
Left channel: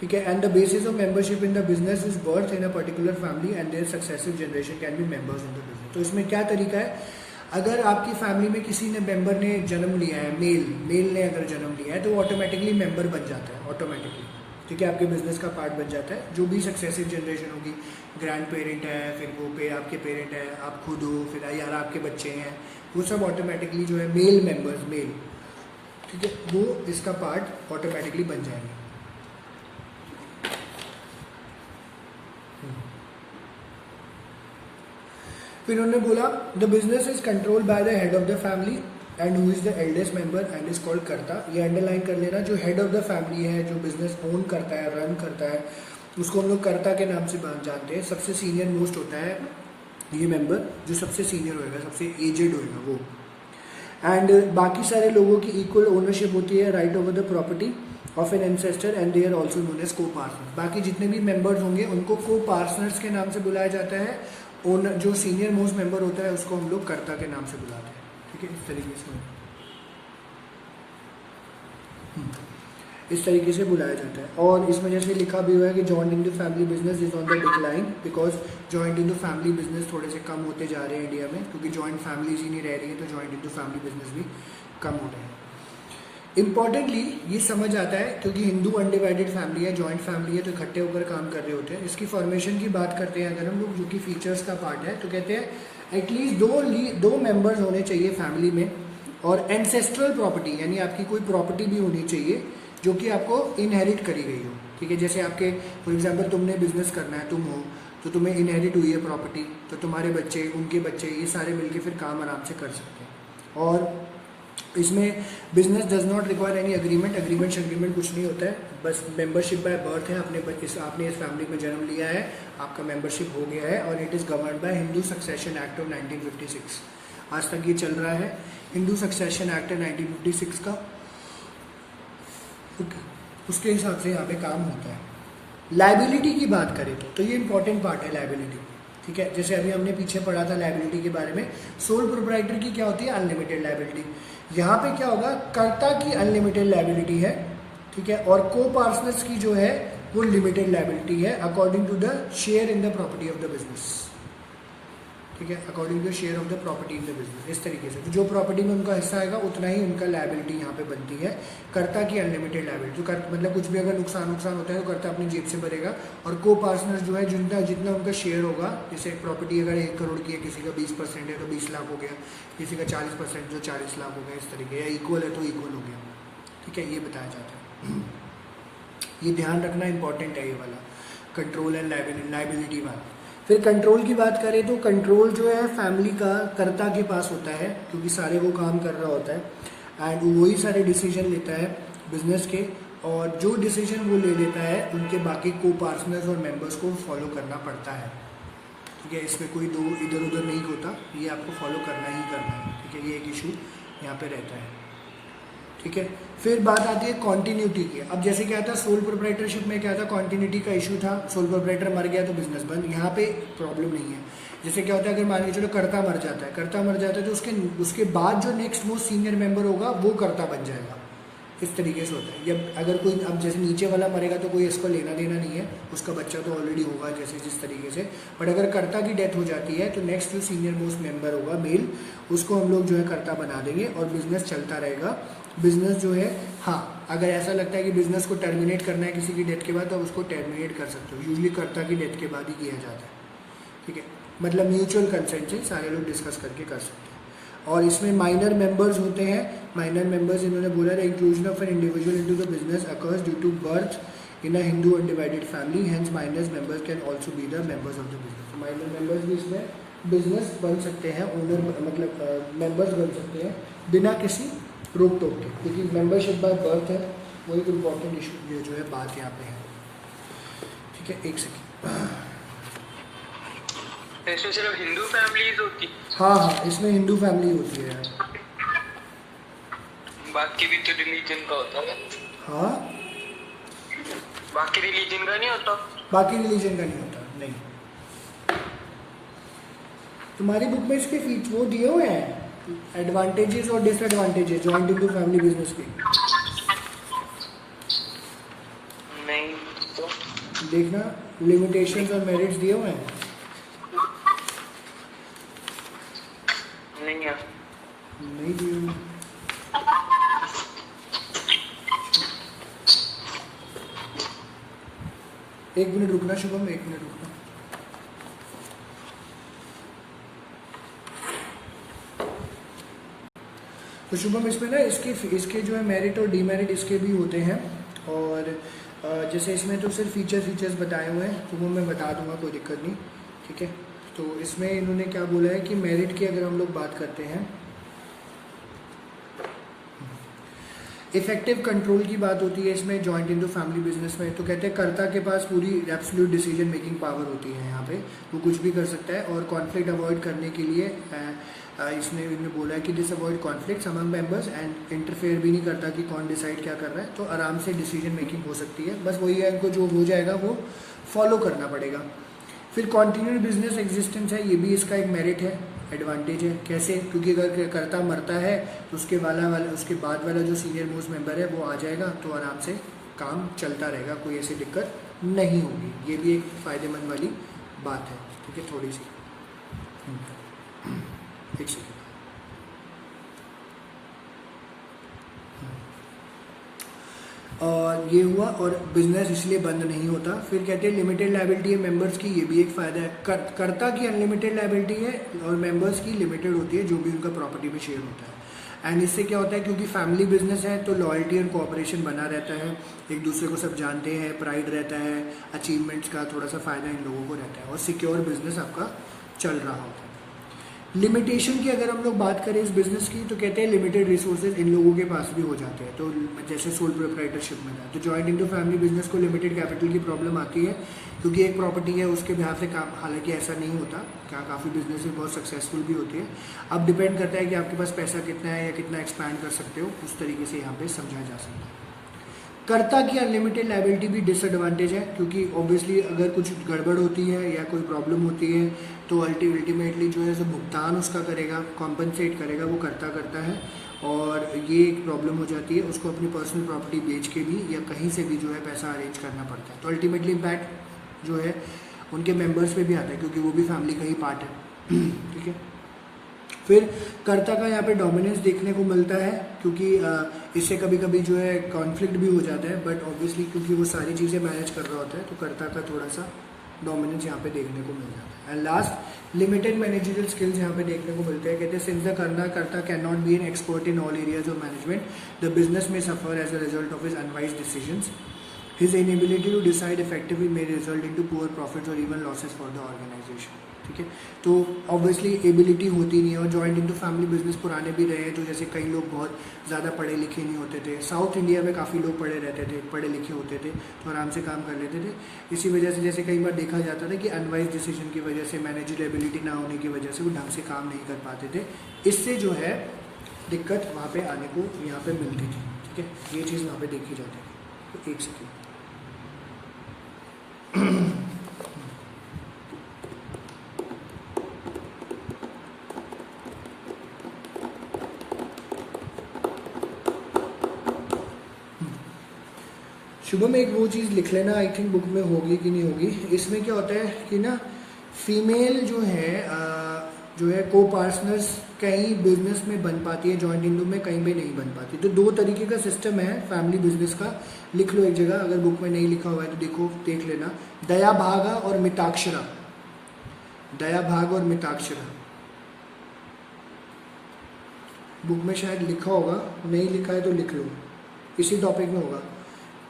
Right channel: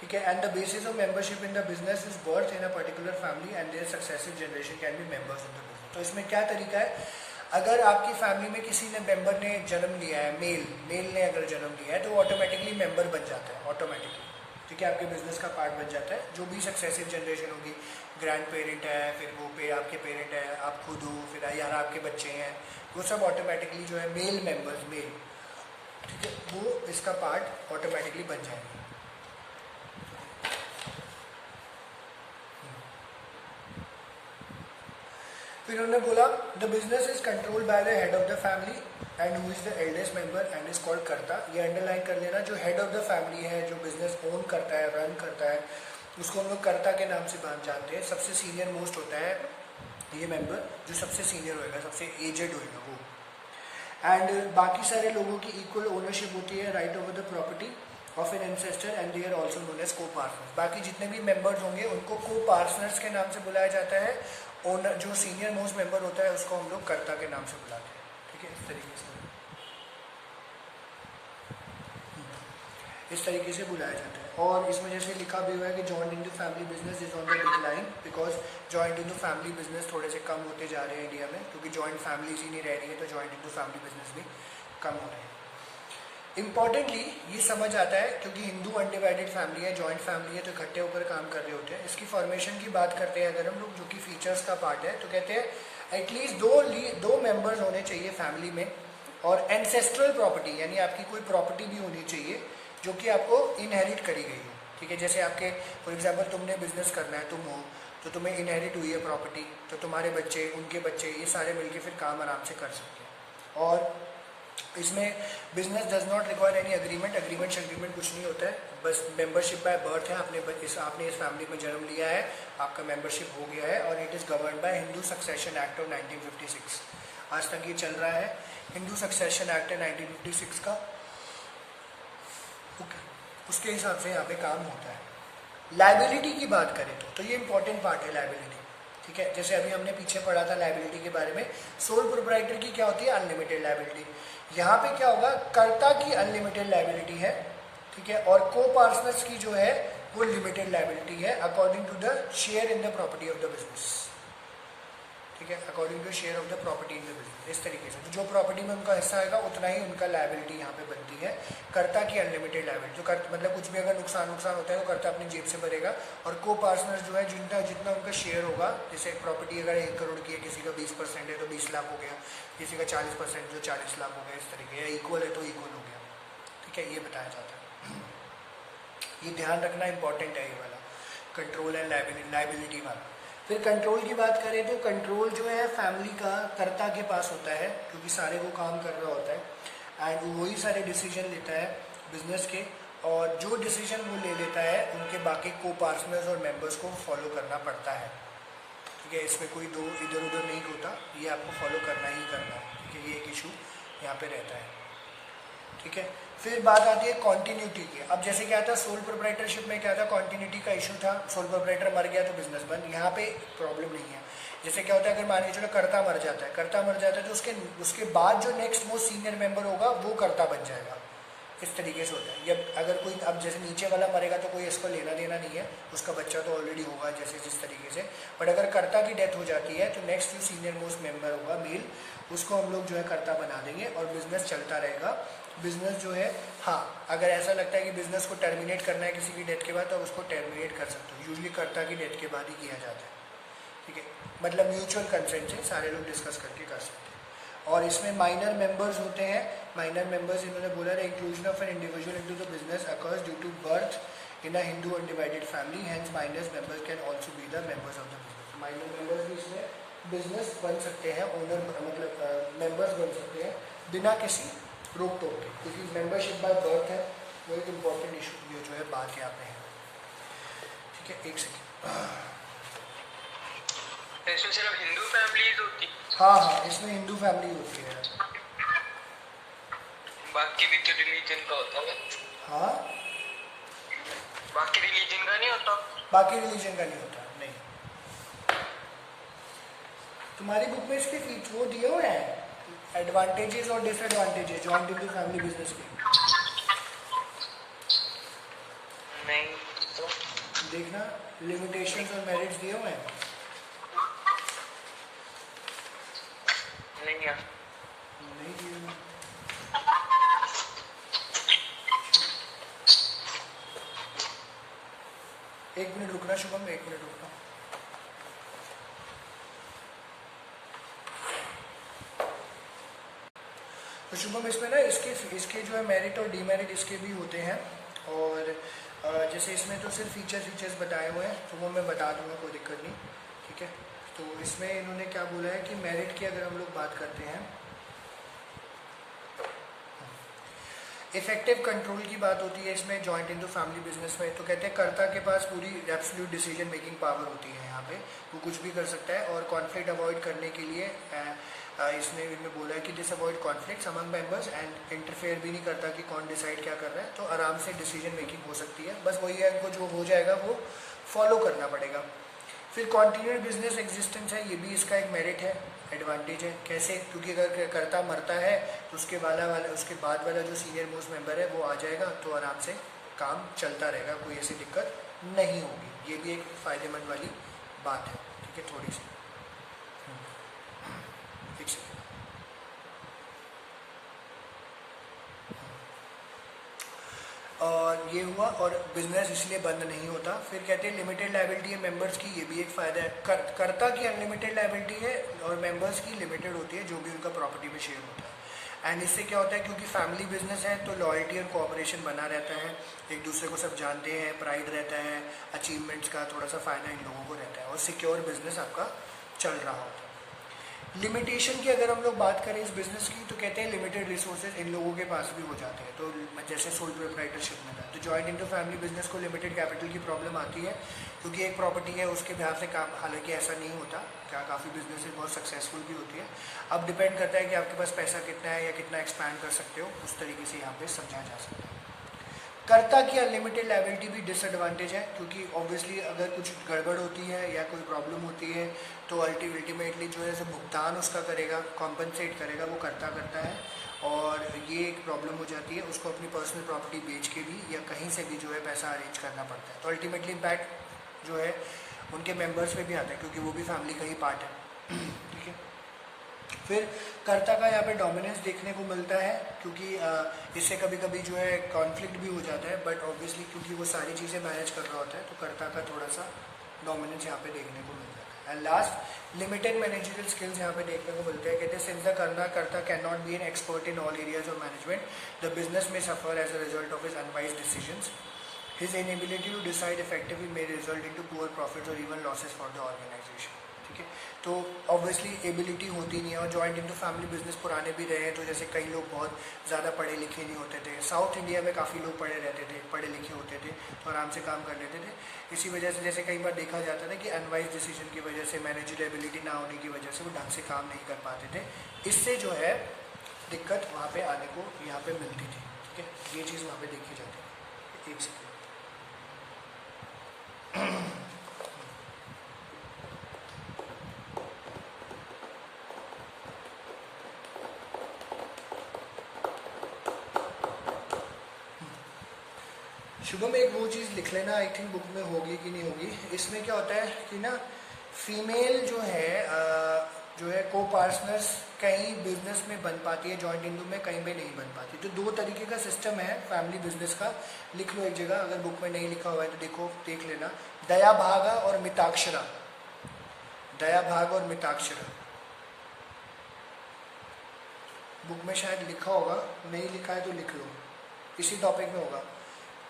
ठीक है। And the basis of membership in the business is birth in a particular family and their successive generation can be members in the business. तो इसमें क्या तरीका है, अगर आपकी फैमिली में किसी ने मेंबर ने जन्म लिया है, मेल ने अगर जन्म लिया है तो वो ऑटोमेटिकली मेंबर बन जाता है, ऑटोमेटिकली, ठीक है, आपके बिजनेस का पार्ट बन जाता है। जो भी सक्सेसिव जनरेशन होगी, ग्रैंड पेरेंट है, फिर वो आपके पेरेंट है, आप खुद हो, फिर यार आपके बच्चे हैं, वो सब ऑटोमेटिकली जो है मेल मेंबर्स, मेल, ठीक है, वो इसका पार्ट ऑटोमेटिकली बन जाएंगे। फिर उन्होंने बोला the business is control by the head of the family and who is the eldest member and is called कर्ता। ये अंडरलाइन कर लेना, जो हेड ऑफ द फैमिली है, जो बिजनेस ओन करता है, रन करता है, उसको हम लोग कर्ता के नाम से जानते हैं। सबसे सीनियर मोस्ट होता है ये मेंबर, जो सबसे सीनियर होएगा, सबसे एजेड होएगा वो। एंड बाकी सारे लोगों की इक्वल ओनरशिप होती है, right over the property of an ancestor and they are also known as co partners. बाकी जितने भी मेंबर्स होंगे उनको को पार्टनर्स के नाम से बुलाया जाता है। ओनर जो सीनियर मोस्ट मेंबर होता है उसको हम लोग कर्ता के नाम से बुलाते हैं, ठीक है, इस तरीके से इस तरीके से बुलाया जाता है। और इसमें जैसे लिखा भी हुआ है कि joint in the family business is on the decline, because joint in the family business थोड़े से कम होते जा रहे हैं इंडिया में, क्योंकि जॉइंट फैमिलीज ही नहीं रह रही है, तो joint in the family business भी कम हो रहे हैं। इंपॉर्टेंटली ये समझ आता है क्योंकि हिंदू अनडिवाइडेड फैमिली है, जॉइंट फैमिली है, तो इकट्ठे होकर काम कर रहे होते हैं। इसकी फॉर्मेशन की बात करते हैं अगर हम लोग, जो कि फीचर्स का पार्ट है, तो कहते हैं एटलीस्ट दो मेंबर्स होने चाहिए फैमिली में, और एंसेस्ट्रल प्रॉपर्टी यानी आपकी कोई प्रॉपर्टी भी होनी चाहिए जो कि आपको इनहेरिट करी गई हो, ठीक है। जैसे आपके फॉर एग्जांपल तुमने बिजनेस करना है, तुम हो, तो तुम्हें इनहेरिट हुई है प्रॉपर्टी, तो तुम्हारे बच्चे, उनके बच्चे, ये सारे मिलके फिर काम आराम से कर सकते हैं। और इसमें business does not require any agreement कुछ नहीं होता है, बस मेंबरशिप बाय बर्थ है। आपने इस फैमिली में जन्म लिया है, आपका मेंबरशिप हो गया है, और it is governed bye Hindu succession act of 1956। आज तक ये चल रहा है, हिंदू सक्सेशन एक्ट है 1956 का, उसके हिसाब से यहाँ पे काम होता है। लाइबिलिटी की बात करें तो ये इंपॉर्टेंट पार्ट है लाइबिलिटी, ठीक है। जैसे अभी हमने पीछे पढ़ा था लाइबिलिटी के बारे में, सोल प्रोप्राइटर की क्या होती है, अनलिमिटेड लाइबिलिटी। यहाँ पे क्या होगा, कर्ता की अनलिमिटेड लाइबिलिटी है, ठीक है, और को पार्टनर्स की जो है वो लिमिटेड लाइबिलिटी है, according to the share in the property of the business, ठीक है, according to share of the property in the business. इस तरीके से जो प्रॉपर्टी में उनका हिस्सा आएगा उतना ही उनका लाइबिलिटी यहाँ पे बनती है। कर्ता की अनलिमिटेड लाइबिलिटी, जो मतलब कुछ भी अगर नुकसान होता है तो कर्ता अपनी जेब से भरेगा, और को पार्टनर जो है जितना उनका शेयर होगा, जैसे प्रॉपर्टी अगर 1 करोड़ की है, किसी का 20% है तो 20 लाख हो गया, किसी का 40% जो 40 लाख हो गया, इस तरीके, या इक्वल है तो इक्वल हो गया, ठीक है, ये बताया जाता है। ये ध्यान रखना इंपॉर्टेंट है, ये वाला कंट्रोल एंड लाइबिलिटी वाला। फिर कंट्रोल की बात करें तो कंट्रोल जो है फैमिली का कर्ता के पास होता है, क्योंकि सारे वो काम कर रहा होता है एंड वही सारे डिसीजन लेता है बिजनेस के, और जो डिसीजन वो ले लेता है उनके बाकी को पार्टनर्स और मेंबर्स को फॉलो करना पड़ता है, ठीक है। इसमें कोई दो इधर उधर नहीं होता, ये आपको फॉलो करना ही करना है, ठीक है। ये एक इशू यहाँ पे रहता है, ठीक है। फिर बात आती है कॉन्टिन्यूटी की। अब जैसे क्या था सोल प्रोप्राइटरशिप में, क्या था, कॉन्टिन्यूटी का इशू था, सोल प्रोप्राइटर मर गया तो बिजनेस बंद। यहाँ पे प्रॉब्लम नहीं है। जैसे क्या होता है, अगर मान के चलो कर्ता मर जाता है तो उसके बाद जो नेक्स्ट मोस्ट सीनियर मेंबर होगा वो कर्ता बन जाएगा, इस तरीके से होता है। या अगर कोई, अब जैसे नीचे वाला मरेगा तो कोई इसको लेना देना नहीं है, उसका बच्चा तो ऑलरेडी होगा जैसे जिस तरीके से, बट अगर कर्ता की डेथ हो जाती है तो नेक्स्ट जो सीनियर मोस्ट मेंबर होगा मेल, उसको हम लोग जो है कर्ता बना देंगे और बिजनेस चलता रहेगा। बिजनेस जो है, हाँ, अगर ऐसा लगता है कि बिजनेस को टर्मिनेट करना है किसी की डेथ के बाद तो आप उसको टर्मिनेट कर सकते हो, यूजली कर्ता की डेथ के बाद ही किया जाता है, ठीक है। मतलब म्यूचुअल कंसेंट से सारे लोग डिस्कस करके कर सकते हैं। और इसमें माइनर मेंबर्स होते हैं। माइनर मेंबर्स इन्होंने बोला the inclusion of an individual into the business occurs due to birth in a Hindu undivided family, hence minor members can also be the members of the business. Minor members भी इसमें business बन सकते हैं, owner मतलब members बन सकते हैं बिना किसी रोक टोक के, क्योंकि मेंबरशिप बाय बर्थ है, वो एक इम्पॉर्टेंट इशू जो है बात यहाँ पे है, ठीक है। एक सेकेंड, इसमें सिर्फ हिंदू फैमिली होती? हाँ, इसमें हिंदू फैमिली होती है, बाकी भी तो रिलीजन का होता है। हाँ, बाकी रिलीजन का नहीं होता? बाकी रिलीजन का नहीं होता, नहीं। तुम्हारी बुक में इसके वो दिए हुए हैं एडवांटेजेस और disadvantages joint into family business के, नहीं तो देखना, लिमिटेशंस और मेरिट्स दिए हुए हैं, नहीं है, नहीं दिए हुए। एक मिनट रुकना शुभम, एक मिनट रुकना। तो शुभम इसमें ना इसके जो है मेरिट और डीमेरिट इसके भी होते हैं। और जैसे इसमें तो सिर्फ फीचर्स बताए हुए हैं, तो वो मैं बता दूंगा, कोई दिक्कत नहीं, ठीक है। तो इसमें इन्होंने क्या बोला है कि मेरिट की अगर हम लोग बात करते हैं, इफेक्टिव कंट्रोल की बात होती है इसमें जॉइंट इनटू फैमिली बिजनेस में। तो कहते हैं कर्ता के पास पूरी एब्सोल्यूट डिसीजन मेकिंग पावर होती है यहाँ पे, वो कुछ भी कर सकता है। और कॉन्फ्लिक्ट अवॉइड करने के लिए इनमें बोला है कि this avoid conflicts among members and interfere भी नहीं करता कि कौन डिसाइड क्या कर रहा है, तो आराम से डिसीजन मेकिंग हो सकती है। बस वही है, इनको जो हो जाएगा वो फॉलो करना पड़ेगा। फिर कॉन्टिन्यूड बिजनेस एग्जिस्टेंस है, ये भी इसका एक मेरिट है, एडवांटेज है। कैसे? क्योंकि अगर कर्ता मरता है तो उसके उसके बाद वाला जो सीनियर मोस्ट मेंबर है वो आ जाएगा, तो आराम से काम चलता रहेगा, कोई ऐसी दिक्कत नहीं होगी। ये भी एक फायदेमंद वाली बात है, ठीक है। थोड़ी सी एक सेकेंड, और ये हुआ। और बिजनेस इसलिए बंद नहीं होता। फिर कहते हैं लिमिटेड लायबिलिटी है मेंबर्स की, ये भी एक फायदा है। कर्ता की अनलिमिटेड लायबिलिटी है और मेंबर्स की लिमिटेड होती है, जो भी उनका प्रॉपर्टी में शेयर होता है। एंड इससे क्या होता है, क्योंकि फैमिली बिजनेस है तो लॉयल्टी और कोऑपरेशन बना रहता है, एक दूसरे को सब जानते हैं, प्राइड रहता है, अचीवमेंट्स का थोड़ा सा फायदा इन लोगों को रहता है, और सिक्योर बिजनेस आपका चल रहा होता है। लिमिटेशन की अगर हम लोग बात करें इस बिजनेस की, तो कहते हैं लिमिटेड रिसोर्सेज इन लोगों के पास भी हो जाते हैं। तो जैसे सोल प्रोप्राइटरशिप में था, तो जॉइंट इनटू फैमिली बिजनेस को लिमिटेड कैपिटल की प्रॉब्लम आती है, क्योंकि एक प्रॉपर्टी है उसके बिहाफ से काम, हालांकि ऐसा नहीं होता, क्या काफ़ी बिजनेसेस बहुत सक्सेसफुल भी होती है। अब डिपेंड करता है कि आपके पास पैसा कितना है या कितना एक्सपैंड कर सकते हो, उस तरीके से यहाँ पे समझाया जा सकता है। कर्ता की अनलिमिटेड लायबिलिटी भी डिसएडवांटेज है, क्योंकि ऑब्वियसली अगर कुछ गड़बड़ होती है या कोई प्रॉब्लम होती है तो अल्टीमेटली जो है भुगतान उसका करेगा, कॉम्पनसेट करेगा, वो कर्ता करता है। और ये एक प्रॉब्लम हो जाती है, उसको अपनी पर्सनल प्रॉपर्टी बेच के भी या कहीं से भी जो है पैसा अरेंज करना पड़ता है। तो अल्टीमेटली इम्पैक्ट जो है उनके मेंबर्स पे भी आता है, क्योंकि वो भी फैमिली का ही पार्ट है, ठीक है। फिर कर्ता का यहाँ पे डोमिनेंस देखने को मिलता है, क्योंकि इससे कभी कभी जो है कॉन्फ्लिक्ट भी हो जाता है, बट ऑब्वियसली क्योंकि वो सारी चीज़ें मैनेज कर रहा होता है, तो कर्ता का थोड़ा सा डोमिनेंस यहाँ पे देखने को मिल जाता है। And last, limited managerial skills यहाँ पे देखने को मिलते हैं। कहते हैं since the karta can not be an expert in all areas of management, the business में suffer as a result of his unwise decisions. His inability to decide effectively may result into poor profits or even losses for the organization, ठीक है। तो obviously ability होती नहीं है, और joint into family business पुराने भी रहे हैं, तो जैसे कई लोग बहुत ज़्यादा पढ़े लिखे नहीं होते थे, साउथ इंडिया में काफ़ी लोग पढ़े रहते थे, पढ़े लिखे होते थे, तो आराम से काम कर लेते थे। इसी वजह से जैसे कई बार देखा जाता था कि अनवाइज डिसीजन की वजह से, मैनेजर एबिलिटी ना होने की वजह से वो ढंग से काम नहीं कर पाते थे, इससे जो है दिक्कत वहाँ पर आने को यहाँ पर मिलती थी, ठीक है। ये चीज़ वहाँ पर देखी जाती है। एक सेकेंड, शुभम एक वो चीज़ लिख लेना, आई थिंक बुक में होगी कि नहीं होगी। इसमें क्या होता है कि ना फीमेल जो है को पार्टनर्स कहीं बिजनेस में बन पाती है, जॉइंट इनटू में कहीं पे नहीं बन पाती। तो दो तरीके का सिस्टम है फैमिली बिजनेस का, लिख लो एक जगह, अगर बुक में नहीं लिखा हुआ है तो देखो, देख लेना। दया भागा और मिताक्षरा, दया भाग और मिताक्षरा, बुक में शायद लिखा होगा, नहीं लिखा है तो लिख लो, इसी टॉपिक में होगा,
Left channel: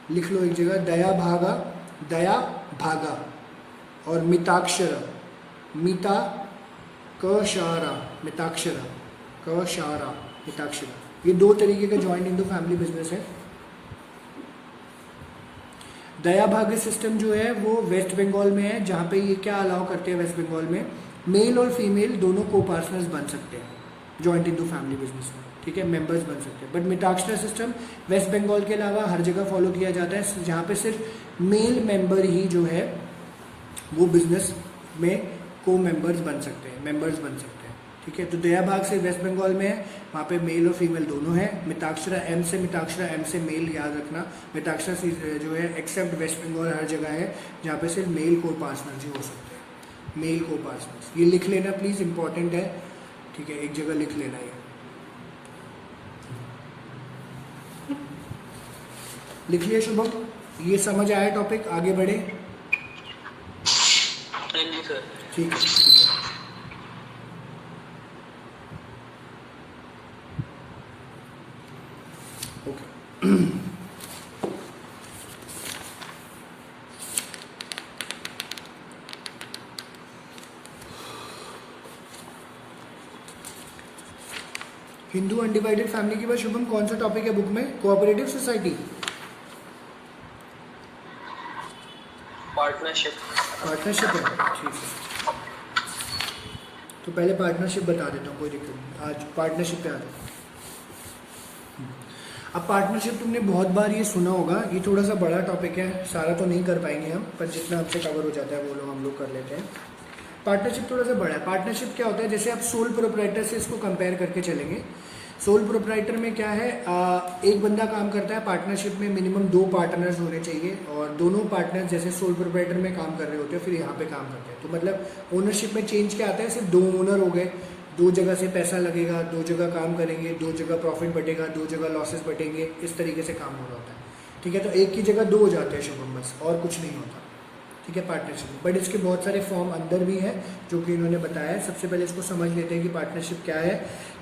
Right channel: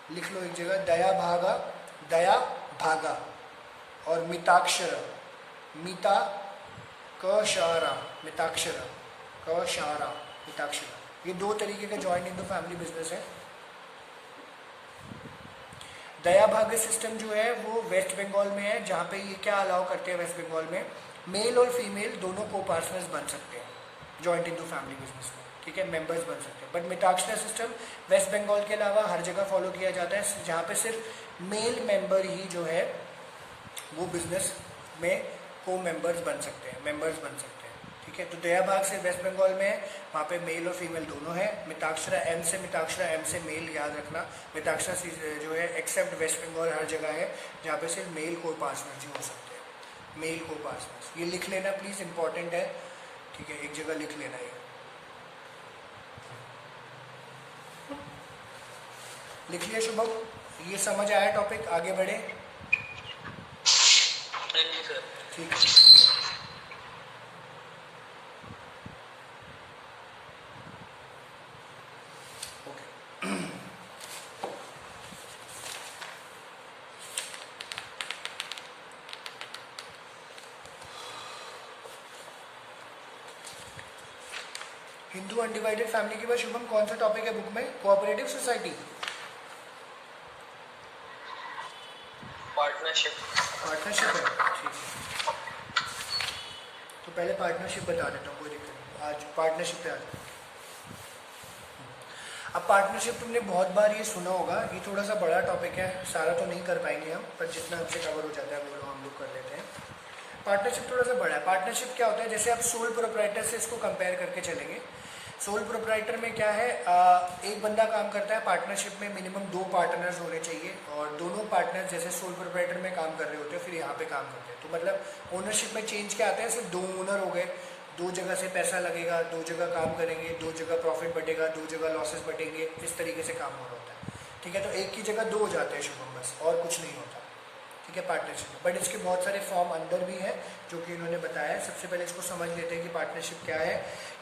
लिख लो एक जगह। दया भागा और मिताक्षरा, मिता कशारा मिताक्षरा, कशारा मिताक्षरा, ये दो तरीके का जॉइंट इनटू फैमिली बिजनेस है। दया भाग्य सिस्टम जो है वो वेस्ट बंगाल में है, जहाँ पे ये क्या अलाउ करते हैं वेस्ट बंगाल में, मेल और फीमेल दोनों को पार्टनर्स बन सकते हैं जॉइंट इनटू फैमिली बिजनेस में, ठीक है, मेंबर्स बन सकते हैं। बट मिताक्षरा सिस्टम वेस्ट बंगाल के अलावा हर जगह फॉलो किया जाता है, जहाँ पे सिर्फ मेल मेंबर ही जो है वो बिजनेस में को मेंबर्स बन सकते हैं, मेंबर्स बन सकते हैं, ठीक है। तो दया भाग से वेस्ट बंगाल में है, वहाँ पे मेल और फीमेल दोनों है। मिताक्षरा एम से मेल, याद रखना, मिताक्षरा जो है एक्सेप्ट वेस्ट बंगाल हर जगह है जहाँ पे सिर्फ मेल को पार्टनर्स ही हो सकते हैं, मेल को पार्टनर्स। ये लिख लेना प्लीज, इंपॉर्टेंट है, ठीक है, एक जगह लिख लेना। ये लिख लिया शुभम, ये समझ आया टॉपिक, आगे बढ़े। हाँ जी सर। ठीक है ठीक है। ओके हिंदू अनडिवाइडेड फैमिली के बाद शुभम कौन सा टॉपिक है बुक में? Cooperative society, partnership. पार्टनरशिप है, ठीक है। तो पहले पार्टनरशिप बता देता हूँ, कोई दिक्कत नहीं। आज पार्टनरशिप पे आ जाओ। अब पार्टनरशिप तुमने बहुत बार ये सुना होगा, ये थोड़ा सा बड़ा टॉपिक है, सारा तो नहीं कर पाएंगे हम, पर जितना हमसे कवर हो जाता है वो लोग हम लोग कर लेते हैं। पार्टनरशिप थोड़ा सा बड़ा है। पार्टनरशिप क्या होता है, जैसे आप सोल प्रोप्राइटर से इसको कंपेयर करके चलेंगे। सोल प्रोप्राइटर में क्या है, एक बंदा काम करता है। पार्टनरशिप में मिनिमम 2 पार्टनर्स होने चाहिए, और दोनों पार्टनर्स जैसे सोल प्रोप्राइटर में काम कर रहे होते हैं, फिर यहाँ पे काम करते हैं। तो मतलब ओनरशिप में चेंज क्या आता है, सिर्फ 2 ओनर हो गए, 2 जगह से पैसा लगेगा, 2 जगह काम करेंगे, 2 जगह प्रॉफिट बटेगा, 2 जगह लॉसेस बटेंगे, इस तरीके से काम हो रहा होता है। ठीक है, तो एक की जगह 2 हो जाते हैं शुभम, बस और कुछ नहीं होता। ठीक है, पार्टनरशिप में। बट इसके बहुत सारे फॉर्म अंदर भी हैं जो कि इन्होंने बताया है। सबसे पहले इसको समझ लेते हैं कि पार्टनरशिप क्या है।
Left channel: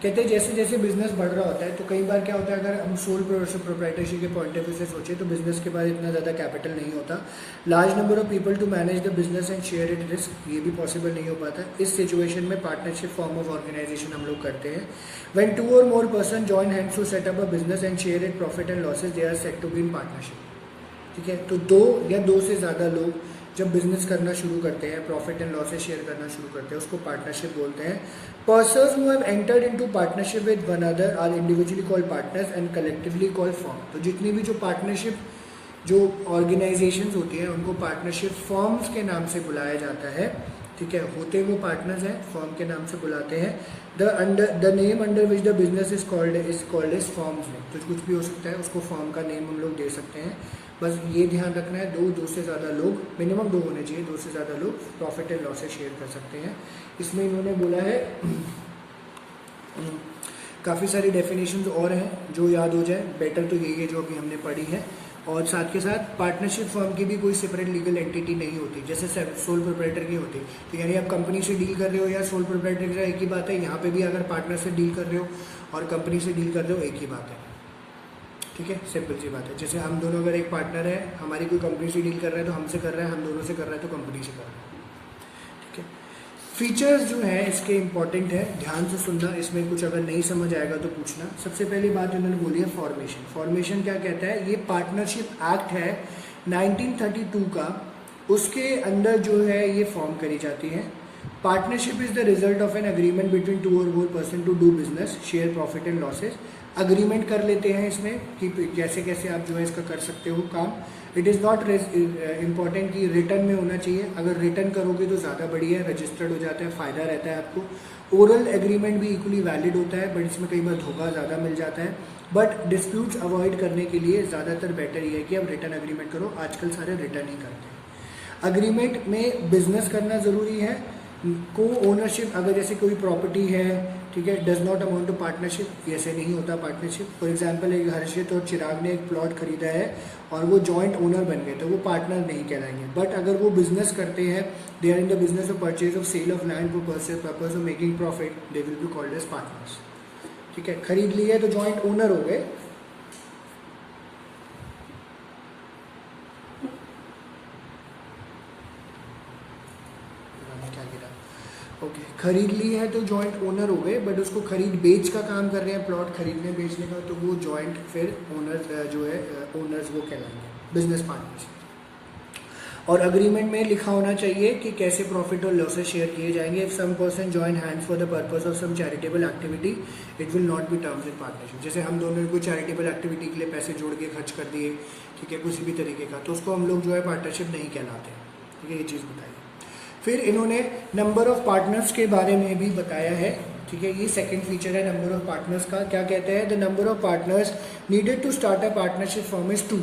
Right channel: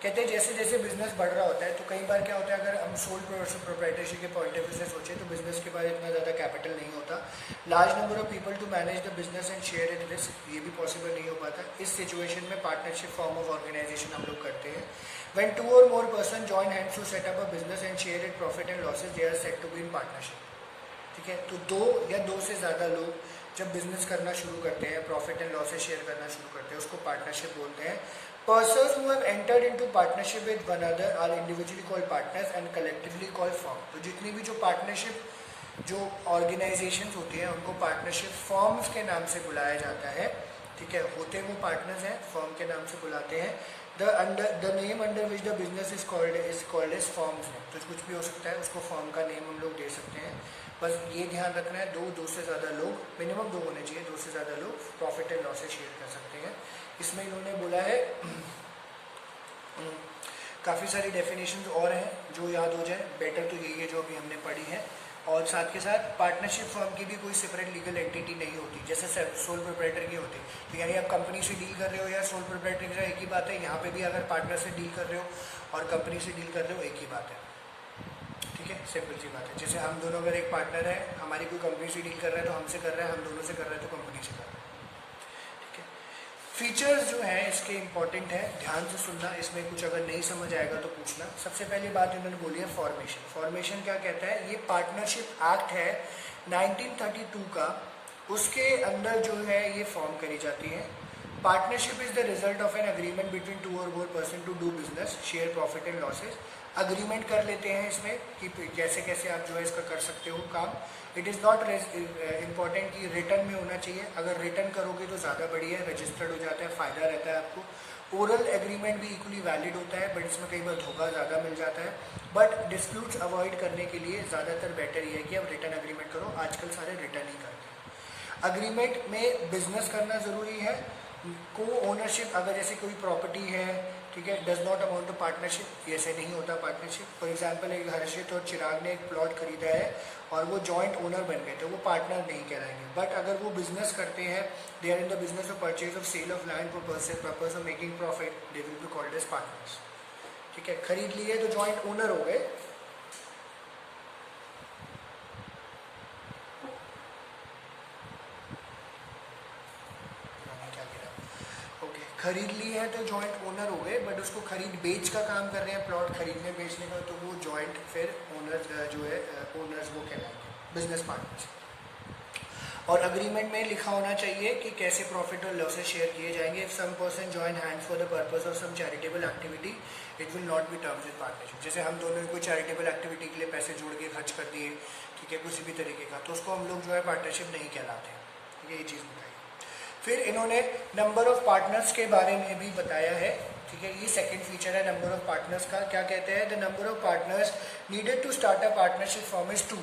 कहते हैं जैसे जैसे बिजनेस बढ़ रहा होता है, तो कई बार क्या होता है, अगर हम सोल प्रोप्राइटरशिप के पॉइंट ऑफ व्यू से सोचे तो बिजनेस के बाद इतना ज़्यादा कैपिटल नहीं होता। Large number of people to manage the business and share it risk, ये भी पॉसिबल नहीं हो पाता। इस सिचुएशन में पार्टनरशिप फॉर्म ऑफ ऑर्गेनाइजेशन हम लोग करते हैं। When 2 or more person join hands to set up a business and share its profit and losses, they are said to be in partnership. ठीक है, तो 2 या 2 से ज़्यादा लोग जब बिजनेस करना शुरू करते हैं, प्रॉफिट एंड लॉसेस शेयर करना शुरू करते हैं, उसको पार्टनरशिप बोलते हैं। Persons who have entered into partnership with one other are individually called partners and collectively called firm. तो जितनी भी जो पार्टनरशिप जो ऑर्गेनाइजेशंस होती हैं, उनको पार्टनरशिप फर्म्स के नाम से बुलाया जाता है। ठीक है, होते वो पार्टनर्स हैं, फर्म के नाम से बुलाते हैं। The name under which the business is called as firms है, तो कुछ भी हो सकता है, उसको फर्म का नेम हम लोग दे सकते हैं। बस ये ध्यान रखना है, 2 से ज़्यादा लोग, मिनिमम 2 होने चाहिए, 2 से ज़्यादा लोग प्रॉफिट एंड लॉसेस शेयर कर सकते हैं। इसमें इन्होंने बोला है काफ़ी सारी डेफिनेशंस और हैं, जो याद हो जाए बेटर तो यही है जो अभी हमने पढ़ी है। और साथ के साथ पार्टनरशिप फर्म की भी कोई सेपरेट लीगल एंटिटी नहीं होती, जैसे सोल प्रोप्राइटर की होती। तो यानी आप कंपनी से डील कर रहे हो या सोल प्रोप्राइटर के साथ एक ही बात है। यहाँ पे भी अगर पार्टनर से डील कर रहे हो और कंपनी से डील कर रहे हो, एक ही बात है। ठीक है, सिंपल सी बात है। जैसे हम दोनों अगर एक पार्टनर है, हमारी कोई कंपनी से डील कर रहा है तो हमसे कर रहा है, हम दोनों से कर रहा है तो कंपनी से कर रहा है। ठीक है, फीचर्स जो हैं इसके इंपॉर्टेंट है, ध्यान से सुनना। इसमें कुछ अगर नहीं समझ आएगा तो पूछना। सबसे पहली बात इन्होंने बोली है फॉर्मेशन। फॉर्मेशन क्या कहता है, ये पार्टनरशिप एक्ट है 1932 का, उसके अंदर जो है ये फॉर्म करी जाती है। Partnership is the result of an agreement between 2 or more person to do business, share profit and losses. Agreement कर लेते हैं इसमें कि कैसे कैसे आप जो है इसका कर सकते हो काम। इट इज़ नॉट इम्पॉर्टेंट कि रिटर्न में होना चाहिए, अगर रिटर्न करोगे तो ज़्यादा बढ़िया है, रजिस्टर्ड हो जाता है, फ़ायदा रहता है आपको। ओरल एग्रीमेंट भी इक्वली वैलिड होता है, बट इसमें कई बार धोखा ज़्यादा मिल जाता है। बट डिस्प्यूट्स अवॉइड करने के लिए ज़्यादातर बेटर ये है कि आप रिटर्न एग्रीमेंट करो। आजकल सारे रिटर्न ही करते हैं। अग्रीमेंट में बिजनेस करना ज़रूरी है। को ओनरशिप, अगर जैसे कोई प्रॉपर्टी है, ठीक है, does not amount to partnership, ऐसे नहीं होता पार्टनरशिप। फॉर एग्जांपल एक हर्षित और चिराग ने एक प्लॉट खरीदा है और वो जॉइंट ओनर बन गए, तो वो पार्टनर नहीं कहलाएंगे। बट अगर वो बिजनेस करते हैं, they are in the business of purchase of sale of land for purpose of making profit, they will be called as partners. ठीक है, खरीद लिए तो जॉइंट ओनर हो गए। ओके, खरीद ली है तो जॉइंट ओनर हो गए, बट उसको खरीद बेच का काम कर रहे हैं, प्लॉट खरीदने बेचने का, तो वो जॉइंट फिर ओनर्स जो है ओनर्स वो कहलाएंगे, बिजनेस पार्टनर्स। और अग्रीमेंट में लिखा होना चाहिए कि कैसे प्रॉफिट और लॉसेस शेयर किए जाएंगे। If some person join hands for the purpose of some charitable activity, it will not be terms in partnership. जैसे हम दोनों ने कोई चैरिटेबल एक्टिविटी के लिए पैसे जोड़ के खर्च कर दिए, ठीक है, किसी भी तरीके का, तो उसको हम लोग जो है पार्टनरशिप नहीं कहलाते। ठीक है, ये चीज़ बताइए। फिर इन्होंने नंबर ऑफ पार्टनर्स के बारे में भी बताया है। ठीक है, ये सेकंड फीचर है नंबर ऑफ पार्टनर्स का। क्या कहते हैं, the number of partners needed to start a partnership form is 2।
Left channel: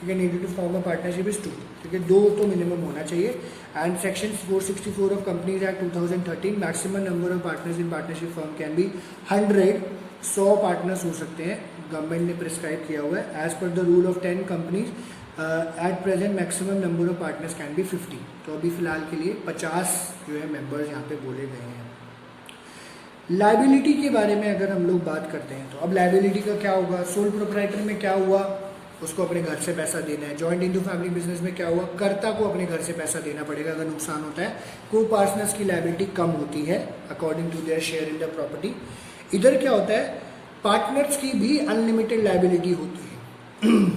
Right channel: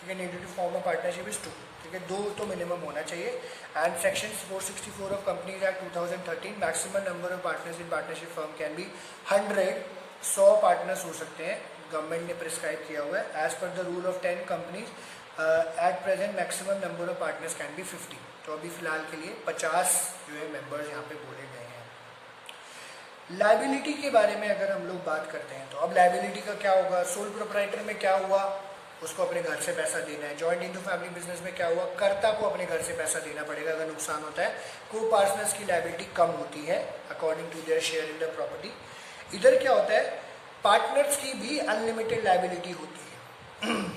ठीक है, needed to form a partnership is 2। ठीक है, 2 तो मिनिमम होना चाहिए। And section 464 of companies act 2013, maximum number of partners in partnership firm can be 100 partners हो सकते हैं, गवर्नमेंट ने प्रिस्क्राइब किया हुआ है। As per the rule of 10 companies at present maximum number of partners can be 50। तो अभी फिलहाल के लिए 50 जो है मेंबर्स यहाँ पे बोले गए हैं। लाइबिलिटी के बारे में अगर हम लोग बात करते हैं तो अब लाइबिलिटी का क्या होगा, सोल प्रोप्राइटर में क्या हुआ, उसको अपने घर से पैसा देना है। जॉइंट इंटू फैमिली बिजनेस में क्या हुआ, कर्ता को अपने घर से पैसा देना पड़ेगा अगर नुकसान होता है। को पार्टनर्स की लाइबिलिटी कम होती है according to their share in the property. इधर क्या होता है, पार्टनर्स की भी अनलिमिटेड लाइबिलिटी होती है।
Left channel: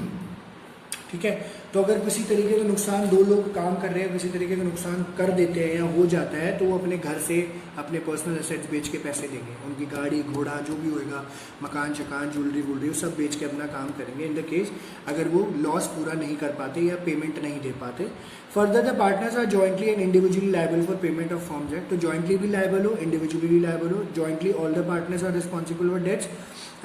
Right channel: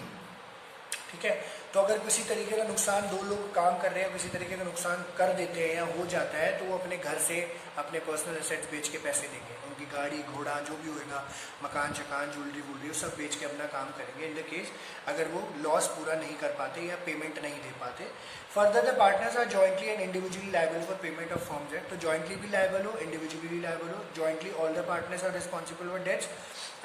ठीक है, तो अगर किसी तरीके का नुकसान, दो लोग काम कर रहे हैं, किसी तरीके का नुकसान कर देते हैं या हो जाता है, तो वो अपने घर से अपने पर्सनल एसेट्स बेच के पैसे देंगे। उनकी गाड़ी घोड़ा जो भी होएगा, मकान शकान ज्वेलरी वुलरी सब बेच के अपना काम करेंगे इन द केस अगर वो लॉस पूरा नहीं कर पाते या पेमेंट नहीं दे पाते। Further the partners are jointly and individually liable for payment of forms act. तो जॉइंटली भी लायबल हो, इंडिविजुअली लायबल हो। Jointly all the partners are responsible for debts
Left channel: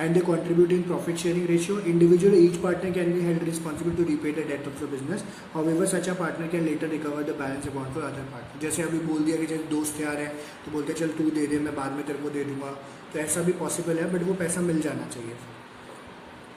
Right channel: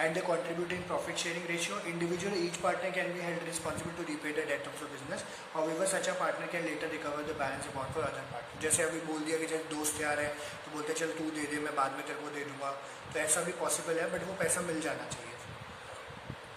and they contribute in profit sharing ratio. Individually, each partner can be held responsible to repay the debt of the business. However, such a partner can later recover the balance amount for other partner. जैसे अभी बोल दिया कि जैसे दोस्त यार है तो बोलते चल तू दे दे, मैं बाद में तेरे को दे दूंगा, तो ऐसा भी पॉसिबल है, बट वो पैसा मिल जाना चाहिए।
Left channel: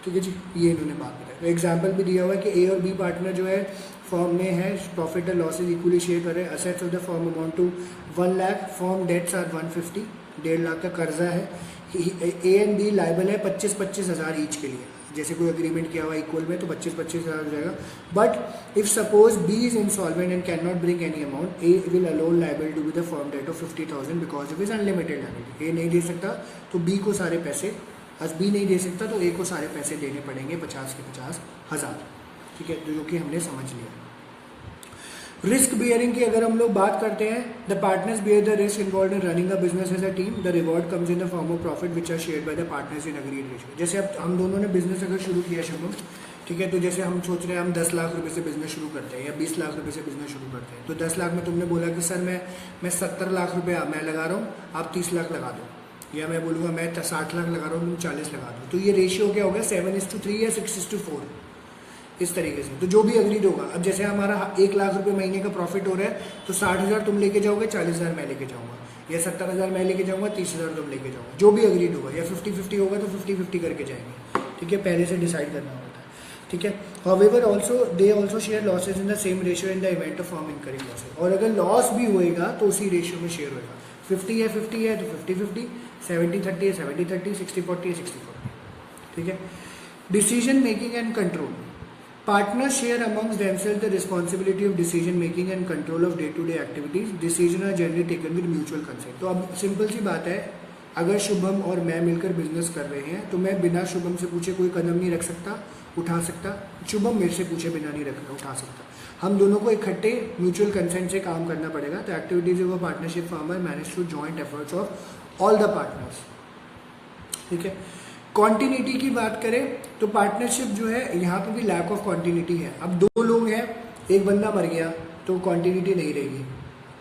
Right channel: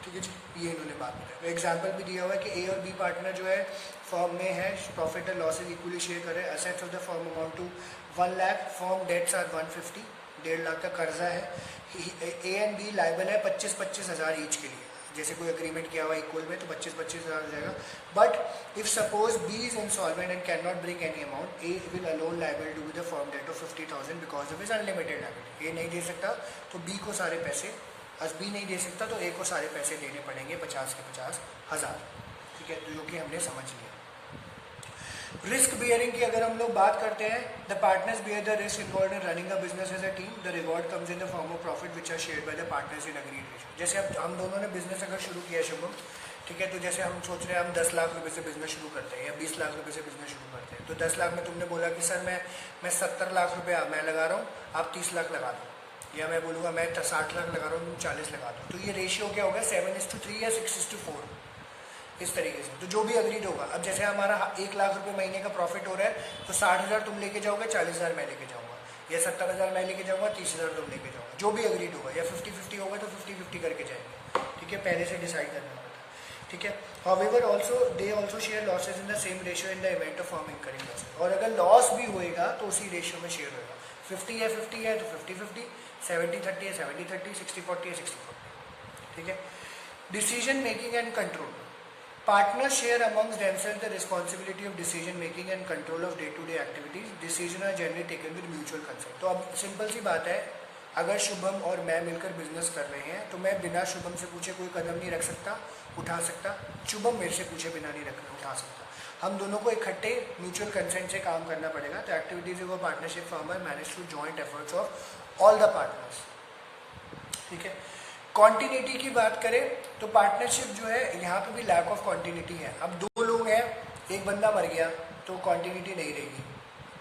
ठीक है जी, ये इन्होंने बात बताया। तो एग्जाम्पल भी दिया हुआ है कि ए और बी पार्टनर जो है फर्म में है, profit and losses equally share करें। Assets of the firm amount to 1 lakh, firm debts are 150, 1.5 lakh का कर्जा है। ए एंड बी लाइबल है 25-25 हज़ार ईच के लिए। जैसे कोई अग्रीमेंट किया हुआ इक्वल में तो 25-25 हज़ार हो जाएगा। But if suppose B is insolvent and can not bring any amount, A will alone liable to be the firm debt of 50,000 because of is unlimited liability. A नहीं दे सकता तो बी को सारे पैसे, बी नहीं दे सकता तो ए को सारे पैसे देने पड़ेंगे, 50 के 50 हज़ार। ठीक है, तो जो कि हमने समझ लिया। रिस्क बियरिंग की अगर हम लोग बात करते हैं, the partners bear the risk involve in running a business as a team. The reward comes in the form of profit which are shared by the partners in agreed ratio. जैसे अब हम दोनों ने बिजनेस अगर शुरू किया शुभम, ठीक है, तो जैसे हम सोच रहे हैं हम 10 लाख रुपए से बिजनेस शुरू करते हैं या 20 लाख रुपए से बिजनेस शुरू करते हैं। तो 10 लाख में तुमने बोला कि सर मैं 70 लाख रुपया मैं लगा रहा हूँ, आप 30 लाख लगा दो, या मैं बोलूँगा मैं 60 लाख लगा रहा हूँ, तुम 40 लगा दो। तो ये रेशियो क्या होगा, 7:3 या 6:4 इस तरीके से। तो जो भी अग्रीड होगा, अब जैसे हमारा 1 लाख रुपए महीने का प्रॉफिट हो रहा है तो 60,000 तुम लेके जाओगे, 40,000 मैं लेके जाऊंगा, या 70,000 मैं लेके जाऊंगा, 30,000 तुम लेके जाओगे, जो भी अग्रीड होगा। या 50-50 होगा तो 50-50 करके जाएंगे। ठीक है, पहले से डिसाइड करना होगा था। ठीक है, however also they also share losses in the same ratio in the event of firm incurring losses. और अगर लॉस भी होएगा तो उसी रेशियो में शेयर होगा। 50 है 50 है तो 50-50, 70-30 है 70-30, 60-40 है 60-40। ठीक है, decision making and control. Partners share amongst themselves the responsibility of decision making and control of day-to-day activities. Decisions are generally taken with mutual consent. तो अब सिंपल सी बात है, अगर शुभम और मैं मिलकर बिजनेस कर रहे हैं तो मैं बिना शुभम से पूछे कोई कदम नहीं रख सकता, उठा सकता, शुभम मेरे से पूछे बिना नहीं उठा सकता। हम दोनों को इकट्ठे म्यूचुअल कंसेंट से काम करना पड़ेगा। तो activities of a partnership firm are manage through joint efforts of all the partners. ठीक है, कॉन्टिन्यूटी की बात करें तो पार्टनरशिप जो है यहाँ पे भी लैक ऑफ कॉन्टिन्यूटी है। अब 2 लोग हैं, एक बंदा मर गया तो कॉन्टिन्यूटी नहीं रहेगी।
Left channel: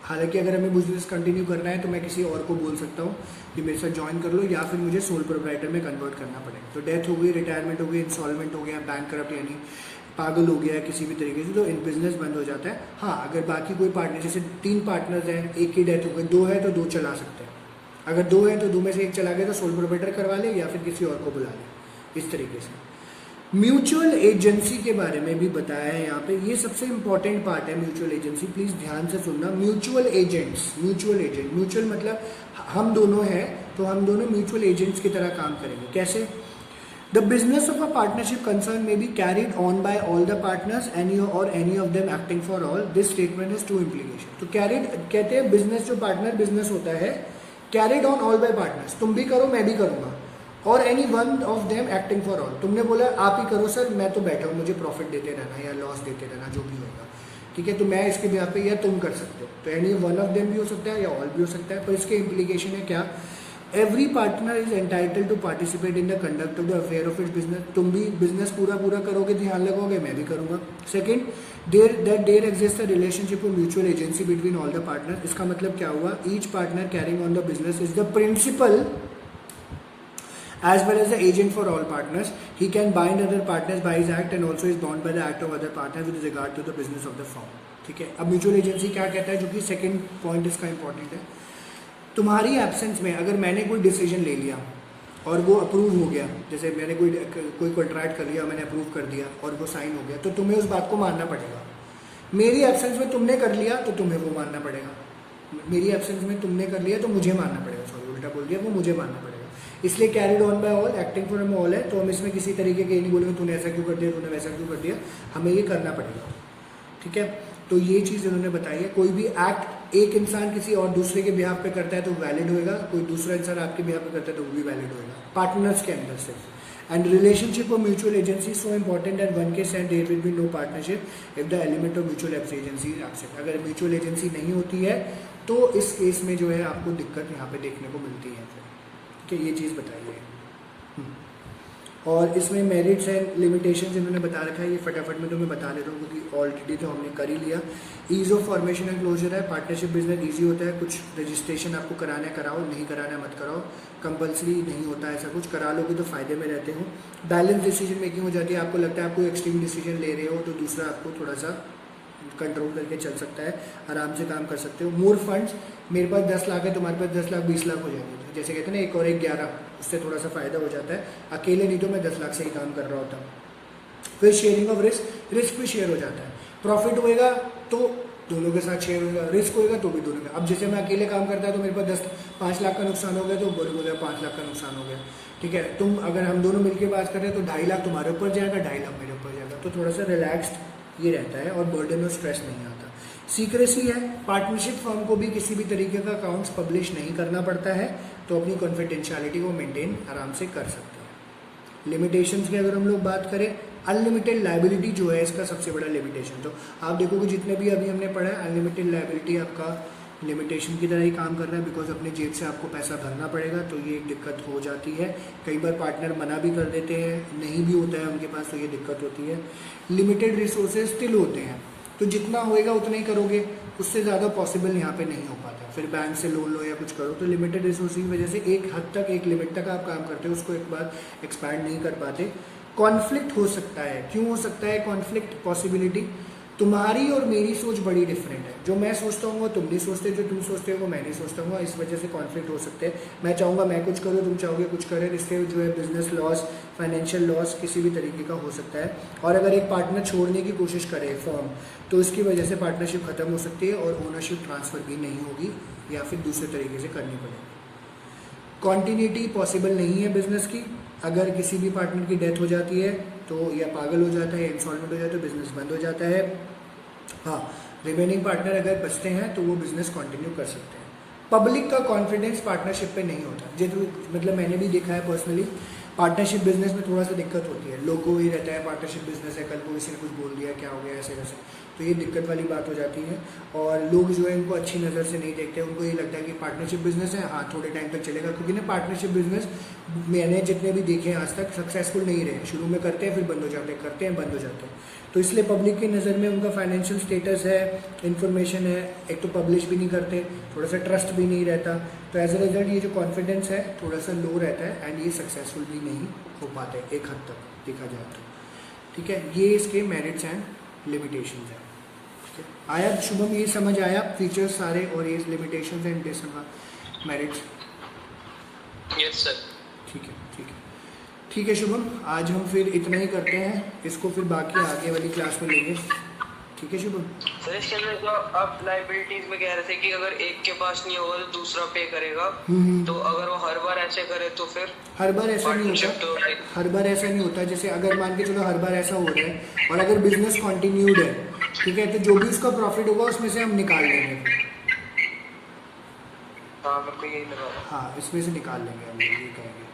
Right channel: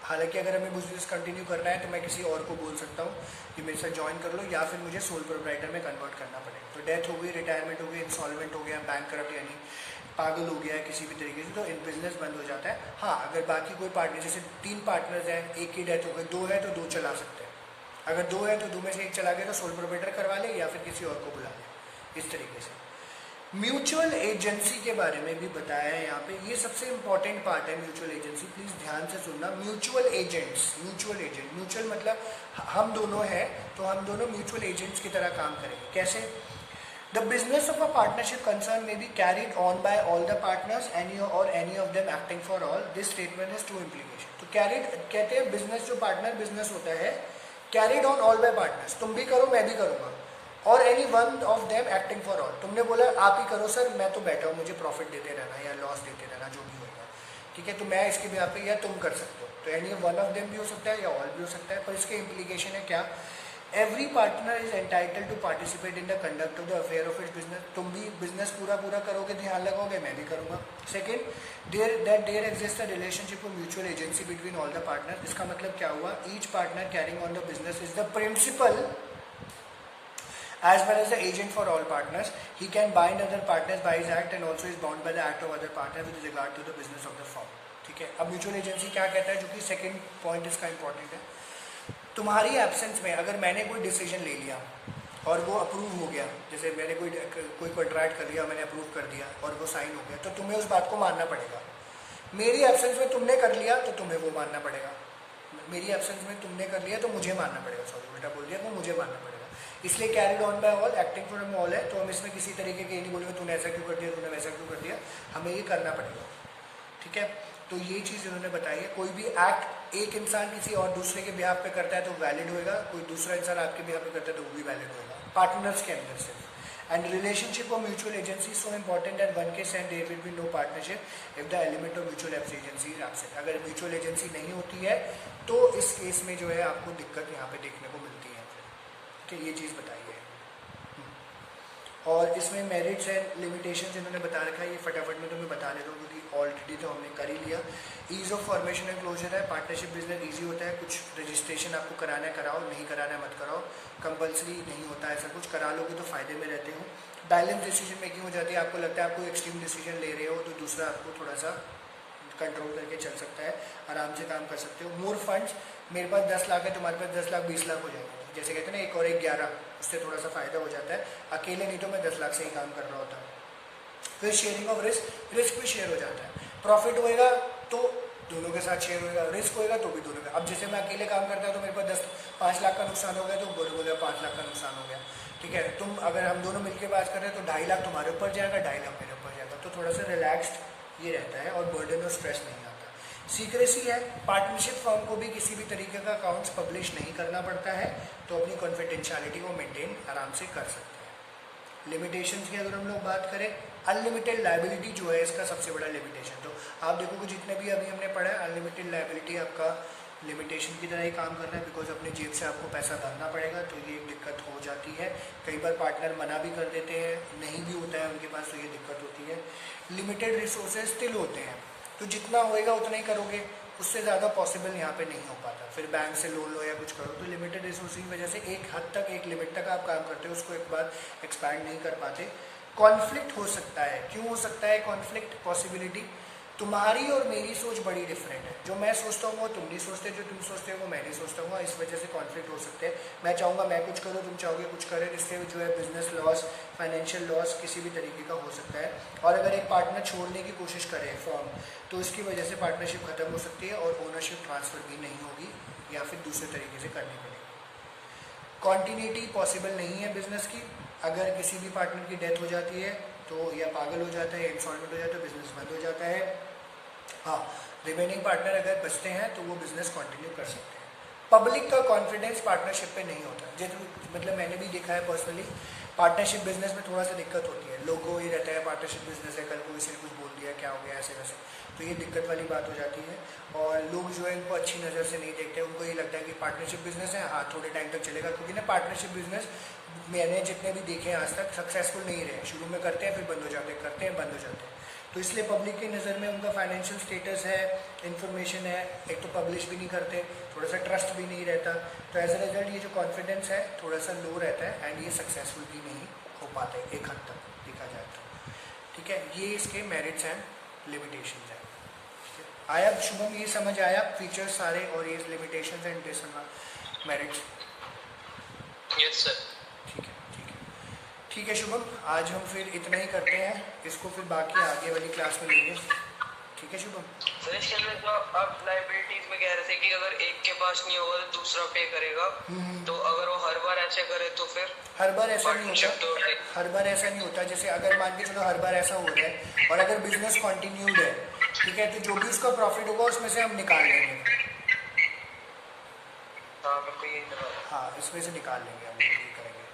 हालांकि अगर हमें बिजनेस कंटिन्यू करना है तो मैं किसी और को बोल सकता हूँ कि मेरे साथ ज्वाइन कर लो, या फिर मुझे सोल प्रोप्राइटर में कन्वर्ट करना पड़ेगा। तो डेथ हो गई, रिटायरमेंट हो गई, इंसॉल्वेंट हो गया, बैंक करप्ट यानी पागल हो गया किसी भी तरीके से, तो इन बिजनेस बंद हो जाता है। हाँ, अगर बाकी कोई पार्टनर, जैसे 3 पार्टनर्स हैं, एक की डेथ हो गई, 2 है तो 2 चला सकते हैं। अगर 2 है तो 2 में से 1 चला गया तो सोल प्रोप्राइटर करवा ले या फिर किसी और को बुला ले, इस तरीके से। म्यूचुअल एजेंसी के बारे में भी बताया है यहाँ पे, ये सबसे इंपॉर्टेंट पार्ट है म्यूचुअल एजेंसी, प्लीज ध्यान से सुनना। Mutual agents, mutual agent, mutual मतलब हम दोनों हैं तो हम दोनों म्यूचुअल एजेंट्स की तरह काम करेंगे। कैसे? The business of a partnership concern में be carried on by all the partners any of them acting for all. This statement has 2 implication. तो कैरिड कहते हैं बिजनेस, जो पार्टनर बिजनेस होता है, carried on all by partners, तुम भी करो मैं भी करूंगा, और any one of them acting for all. तुमने बोला आप ही करो सर, मैं तो बैठा हूँ, मुझे प्रॉफिट देते रहना या लॉस देते रहना, जो भी होगा। ठीक है, तो मैं इसके बिहार पे या तुम कर सकते हो। तो एनी वन ऑफ देम भी हो सकता है या ऑल भी हो सकता है। पर इसके इम्प्लीकेशन है क्या? Every partner is entitled to participate in the conduct of the affair of its business. तुम भी बिजनेस पूरा करोगे, ध्यान लगोगे, मैं भी करूंगा। Second, there exist a relationship of mutual agency between all the partner. इसका मतलब क्या हुआ? Each partner carrying on the business is the principal as well as the agent for all partners. He can bind other partners by his act and also is bound by the act of other partner with regard to the business of the firm. ठीक है, अब mutual agency क्या कहता है, जो कि second point इसका important है। तुम्हारी एब्सेंस में अगर मैंने कोई डिसीजन ले लिया और वो अप्रूव हो गया, जैसे मैंने कोई कॉन्ट्रैक्ट कर लिया, मैंने अप्रूव कर दिया और वो साइन हो गया, तो तुम्हें उस बात को मानना पड़ेगा। मेरी एब्सेंस में तुमने कर लिया तो तुम्हें वो मानना पड़ेगा, मेरी एब्सेंस में तुमने कर लिया तो मुझे मानना पड़ेगा, सॉरी उल्टा बोल दिया, वो मुझे मानना पड़ेगा। इसलिए carried on by all, acting for them all है, तो हम इसमें किसी तरीके के नहीं बोलेंगे तूने ऐसा क्यों कर दिया, तूने वैसा क्यों कर दिया, हमें ये करना पड़ेगा, ठीक है। तो ये चीज़ इन्होंने बताई है। कोई भी एक्ट एक इंसान किसी और दूसरे के बिहाफ पे करता है तो वैलिड होएगा, कोई दूसरा इंसान आपके बिहाफ पे करता है तो वो भी वैलिड होएगा, पार्टनर्स के अंदर सिर्फ। And relationship of mutual agency so important and one case and there will be no partnership if the element of mutual agency is absent. अगर म्यूचुअल एजेंसी नहीं होती है तो इस केस में जो है आपको दिक्कत यहाँ पे देखने को मिलती है, ठीक है, ये चीज़ बताई है। और इसमें मेरिट्स एंड लिमिटेशंस इन्होंने बता रखा है, ये फटाफट में तुम्हें बता देता हूँ क्योंकि ऑलरेडी तो हमने कर ही लिया। Ease of formation and closure है, पार्टनरशिप बिजनेस ईजी होता है, कुछ रजिस्ट्रेशन आपको कराना है कराओ, नहीं कराना है मत कराओ, कंपल्सरी नहीं होता है ऐसा कुछ, करा लोगे तो फायदे में रहते हो। बैलेंस डिसीजन मेकिंग हो जाती है, आपको लगता है आप कोई एक्सट्रीम डिसीजन ले रहे हो तो दूसरा आपको थोड़ा सा कंट्रोल करके चल सकता है, आराम से काम कर सकते हो। मोर फंड्स, मेरे पास 10 लाख है, तुम्हारे पास 10 लाख 20 लाख हो जाएंगे, जैसे कहते हैं ना 1 और 1 11, उससे थोड़ा सा फायदा हो जाता है। अकेले नहीं तो मैं 10 लाख से ही काम कर रहा होता। फिर शेयरिंग ऑफ रिस्क, रिस्क भी शेयर हो जाता है, प्रॉफिट होएगा तो दोनों के साथ शेयर होएगा, रिस्क होएगा तो भी दोनों का। अब जैसे मैं अकेले काम करता है तो मेरे पास 5 लाख का नुकसान हो गया तो बोले 5 लाख का नुकसान हो गया, ठीक है। तुम अगर हम दोनों मिलकर बात कर रहे हैं तो 2.5 लाख तुम्हारे ऊपर जाएगा, 2.5 लाख मेरे ऊपर जाएगा, तो थोड़ा सा रिलैक्स्ड ये रहता है और बर्डन और स्ट्रेस नहीं आता। सीक्रेसी है, पार्टनरशिप फर्म को भी किसी भी तरीके का अकाउंट्स पब्लिश नहीं करना पड़ता है, तो अपनी कॉन्फिडेंशियलिटी को मेंटेन आराम से कर सकते हैं। लिमिटेशंस की अगर हम लोग बात करें, अनलिमिटेड लायबिलिटी जो है इसका सबसे बड़ा लिमिटेशन, तो आप देखोगे जितने भी अभी हमने पढ़ा है अनलिमिटेड लायबिलिटी आपका लिमिटेशन की तरह ही काम कर रहा है, बिकॉज अपने जेब से आपको पैसा भरना पड़ेगा, तो ये दिक्कत हो जाती है। कई बार पार्टनर मना भी कर देते हैं, नहीं भी होता है उनके पास, तो ये दिक्कत होती है। लिमिटेड रिसोर्सेज स्टिल होते हैं, तो जितना होएगा उतना ही करोगे, उससे ज़्यादा पॉसिबल यहाँ पे नहीं हो पाता। फिर बैंक से लोन लो या कुछ करो, तो लिमिटेड रिसोर्स की वजह से एक हद तक, एक लिमिट तक आप काम करते हो, उसको एक बार एक्सपैंड नहीं कर पाते। कॉन्फ्लिक्ट हो सकता है, क्यों हो सकता है कॉन्फ्लिक्ट पॉसिबिलिटी, तुम्हारी और मेरी सोच बड़ी डिफरेंट है, जो मैं सोचता हूँ वो तुम नहीं सोचते, जो तुम सोचते हो वो मैं नहीं सोचता हूँ, इस वजह से कॉन्फ्लिक्ट हो सकते हैं। मैं चाहूँगा मैं कुछ करूँ, तुम चाहोगे कुछ करें, इससे जो है बिजनेस लॉस, फाइनेंशियल लॉस किसी भी तरीके का हो सकता है। और अगर एक पार्टनर छोड़ने की कोशिश करे फर्म, तो इसकी वजह से पार्टनरशिप खत्म हो सकती है और ओनरशिप ट्रांसफर भी नहीं होगी या फिर दूसरे तरीके से करनी पड़ेगी। कॉन्टिन्यूटी पॉसिबल नहीं है बिजनेस की, अगर किसी भी पार्टनर की डेथ हो जाती है तो या पागल हो जाता है या इंसॉल्वेंट हो जाता है तो बिजनेस बंद हो जाता है। हाँ, रिमेनिंग पार्टनर अगर बचते हैं तो वो बिजनेस कंटिन्यू कर सकते हैं। पब्लिक का कॉन्फिडेंस पार्टनरशिप पे नहीं होता, मतलब मैंने भी देखा है पर्सनली, पार्टनरशिप बिजनेस में थोड़ा सा दिक्कत होती है, लोगों को ये रहता है पार्टनरशिप बिजनेस है, कल को किसी ने कुछ बोल दिया, क्या हो गया, ऐसे वैसे, तो ये दिक्कत वाली बात हो जाती है। और लोग जो है इनको अच्छी नज़र से नहीं देखते, उनको ये लगता है कि पार्टनरशिप बिजनेस है, हाँ थोड़े टाइम तक चलेगा, क्योंकि ना पार्टनरशिप बिजनेस मैंने जितने भी देखे हैं आज तक सक्सेसफुल नहीं रहे, शुरू में करते हैं फिर बंद हो जाते हैं, करते हैं बंद हो जाते हैं। तो इसलिए पब्लिक की नज़र में उनका फाइनेंशियल स्टेटस है, इन्फॉर्मेशन है, एक तो पब्लिश भी नहीं करते, थोड़ा सा ट्रस्ट भी नहीं रहता, तो एज अ रिजल्ट ये जो कॉन्फिडेंस है थोड़ा सा लो रहता है एंड ये सक्सेसफुल भी नहीं हो पाते एक हद तक देखा जाए तो, ठीक है। ये इसके मेरिट्स एंड लिमिटेशंस हैं, ठीक है। आया शुभम, ये समझ आया फीचर्स सारे और ये limitations and merits? Yes sir. ठीक है, ठीक है, ठीक है शुभम, आज हम फिर इतना ही करते हैं, इसको फिर बाकी आगे वाली क्लास में लेंगे, ठीक है शुभम। सर इसके अंदर जो आप लाइबिलिटीज में कह रहे थे कि अगर एक के पास नहीं होगा तो दूसरा पे करेगा, तो अगर वो हर बार ऐसे करे तो फिर? हर बार ऐसा नहीं होता, हर बार ऐसा नहीं होता। जैसे अगर मान के चलो हर बार ऐसा हो रहा है और अगर बिजनेस कंटिन्यूड है, ठीक है, तो जो भी उसका प्रॉफिट होगा उसमें से हम निकाल लेंगे। हाँ मेरे को यही लगा। हाँ, इसमें से निकाल लेंगे हम, ये करेंगे,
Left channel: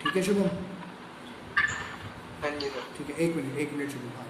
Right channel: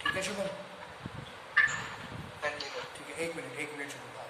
ठीक है शुभम। हाँ जी सर। ठीक है, एक मिनट शुभम। हाँ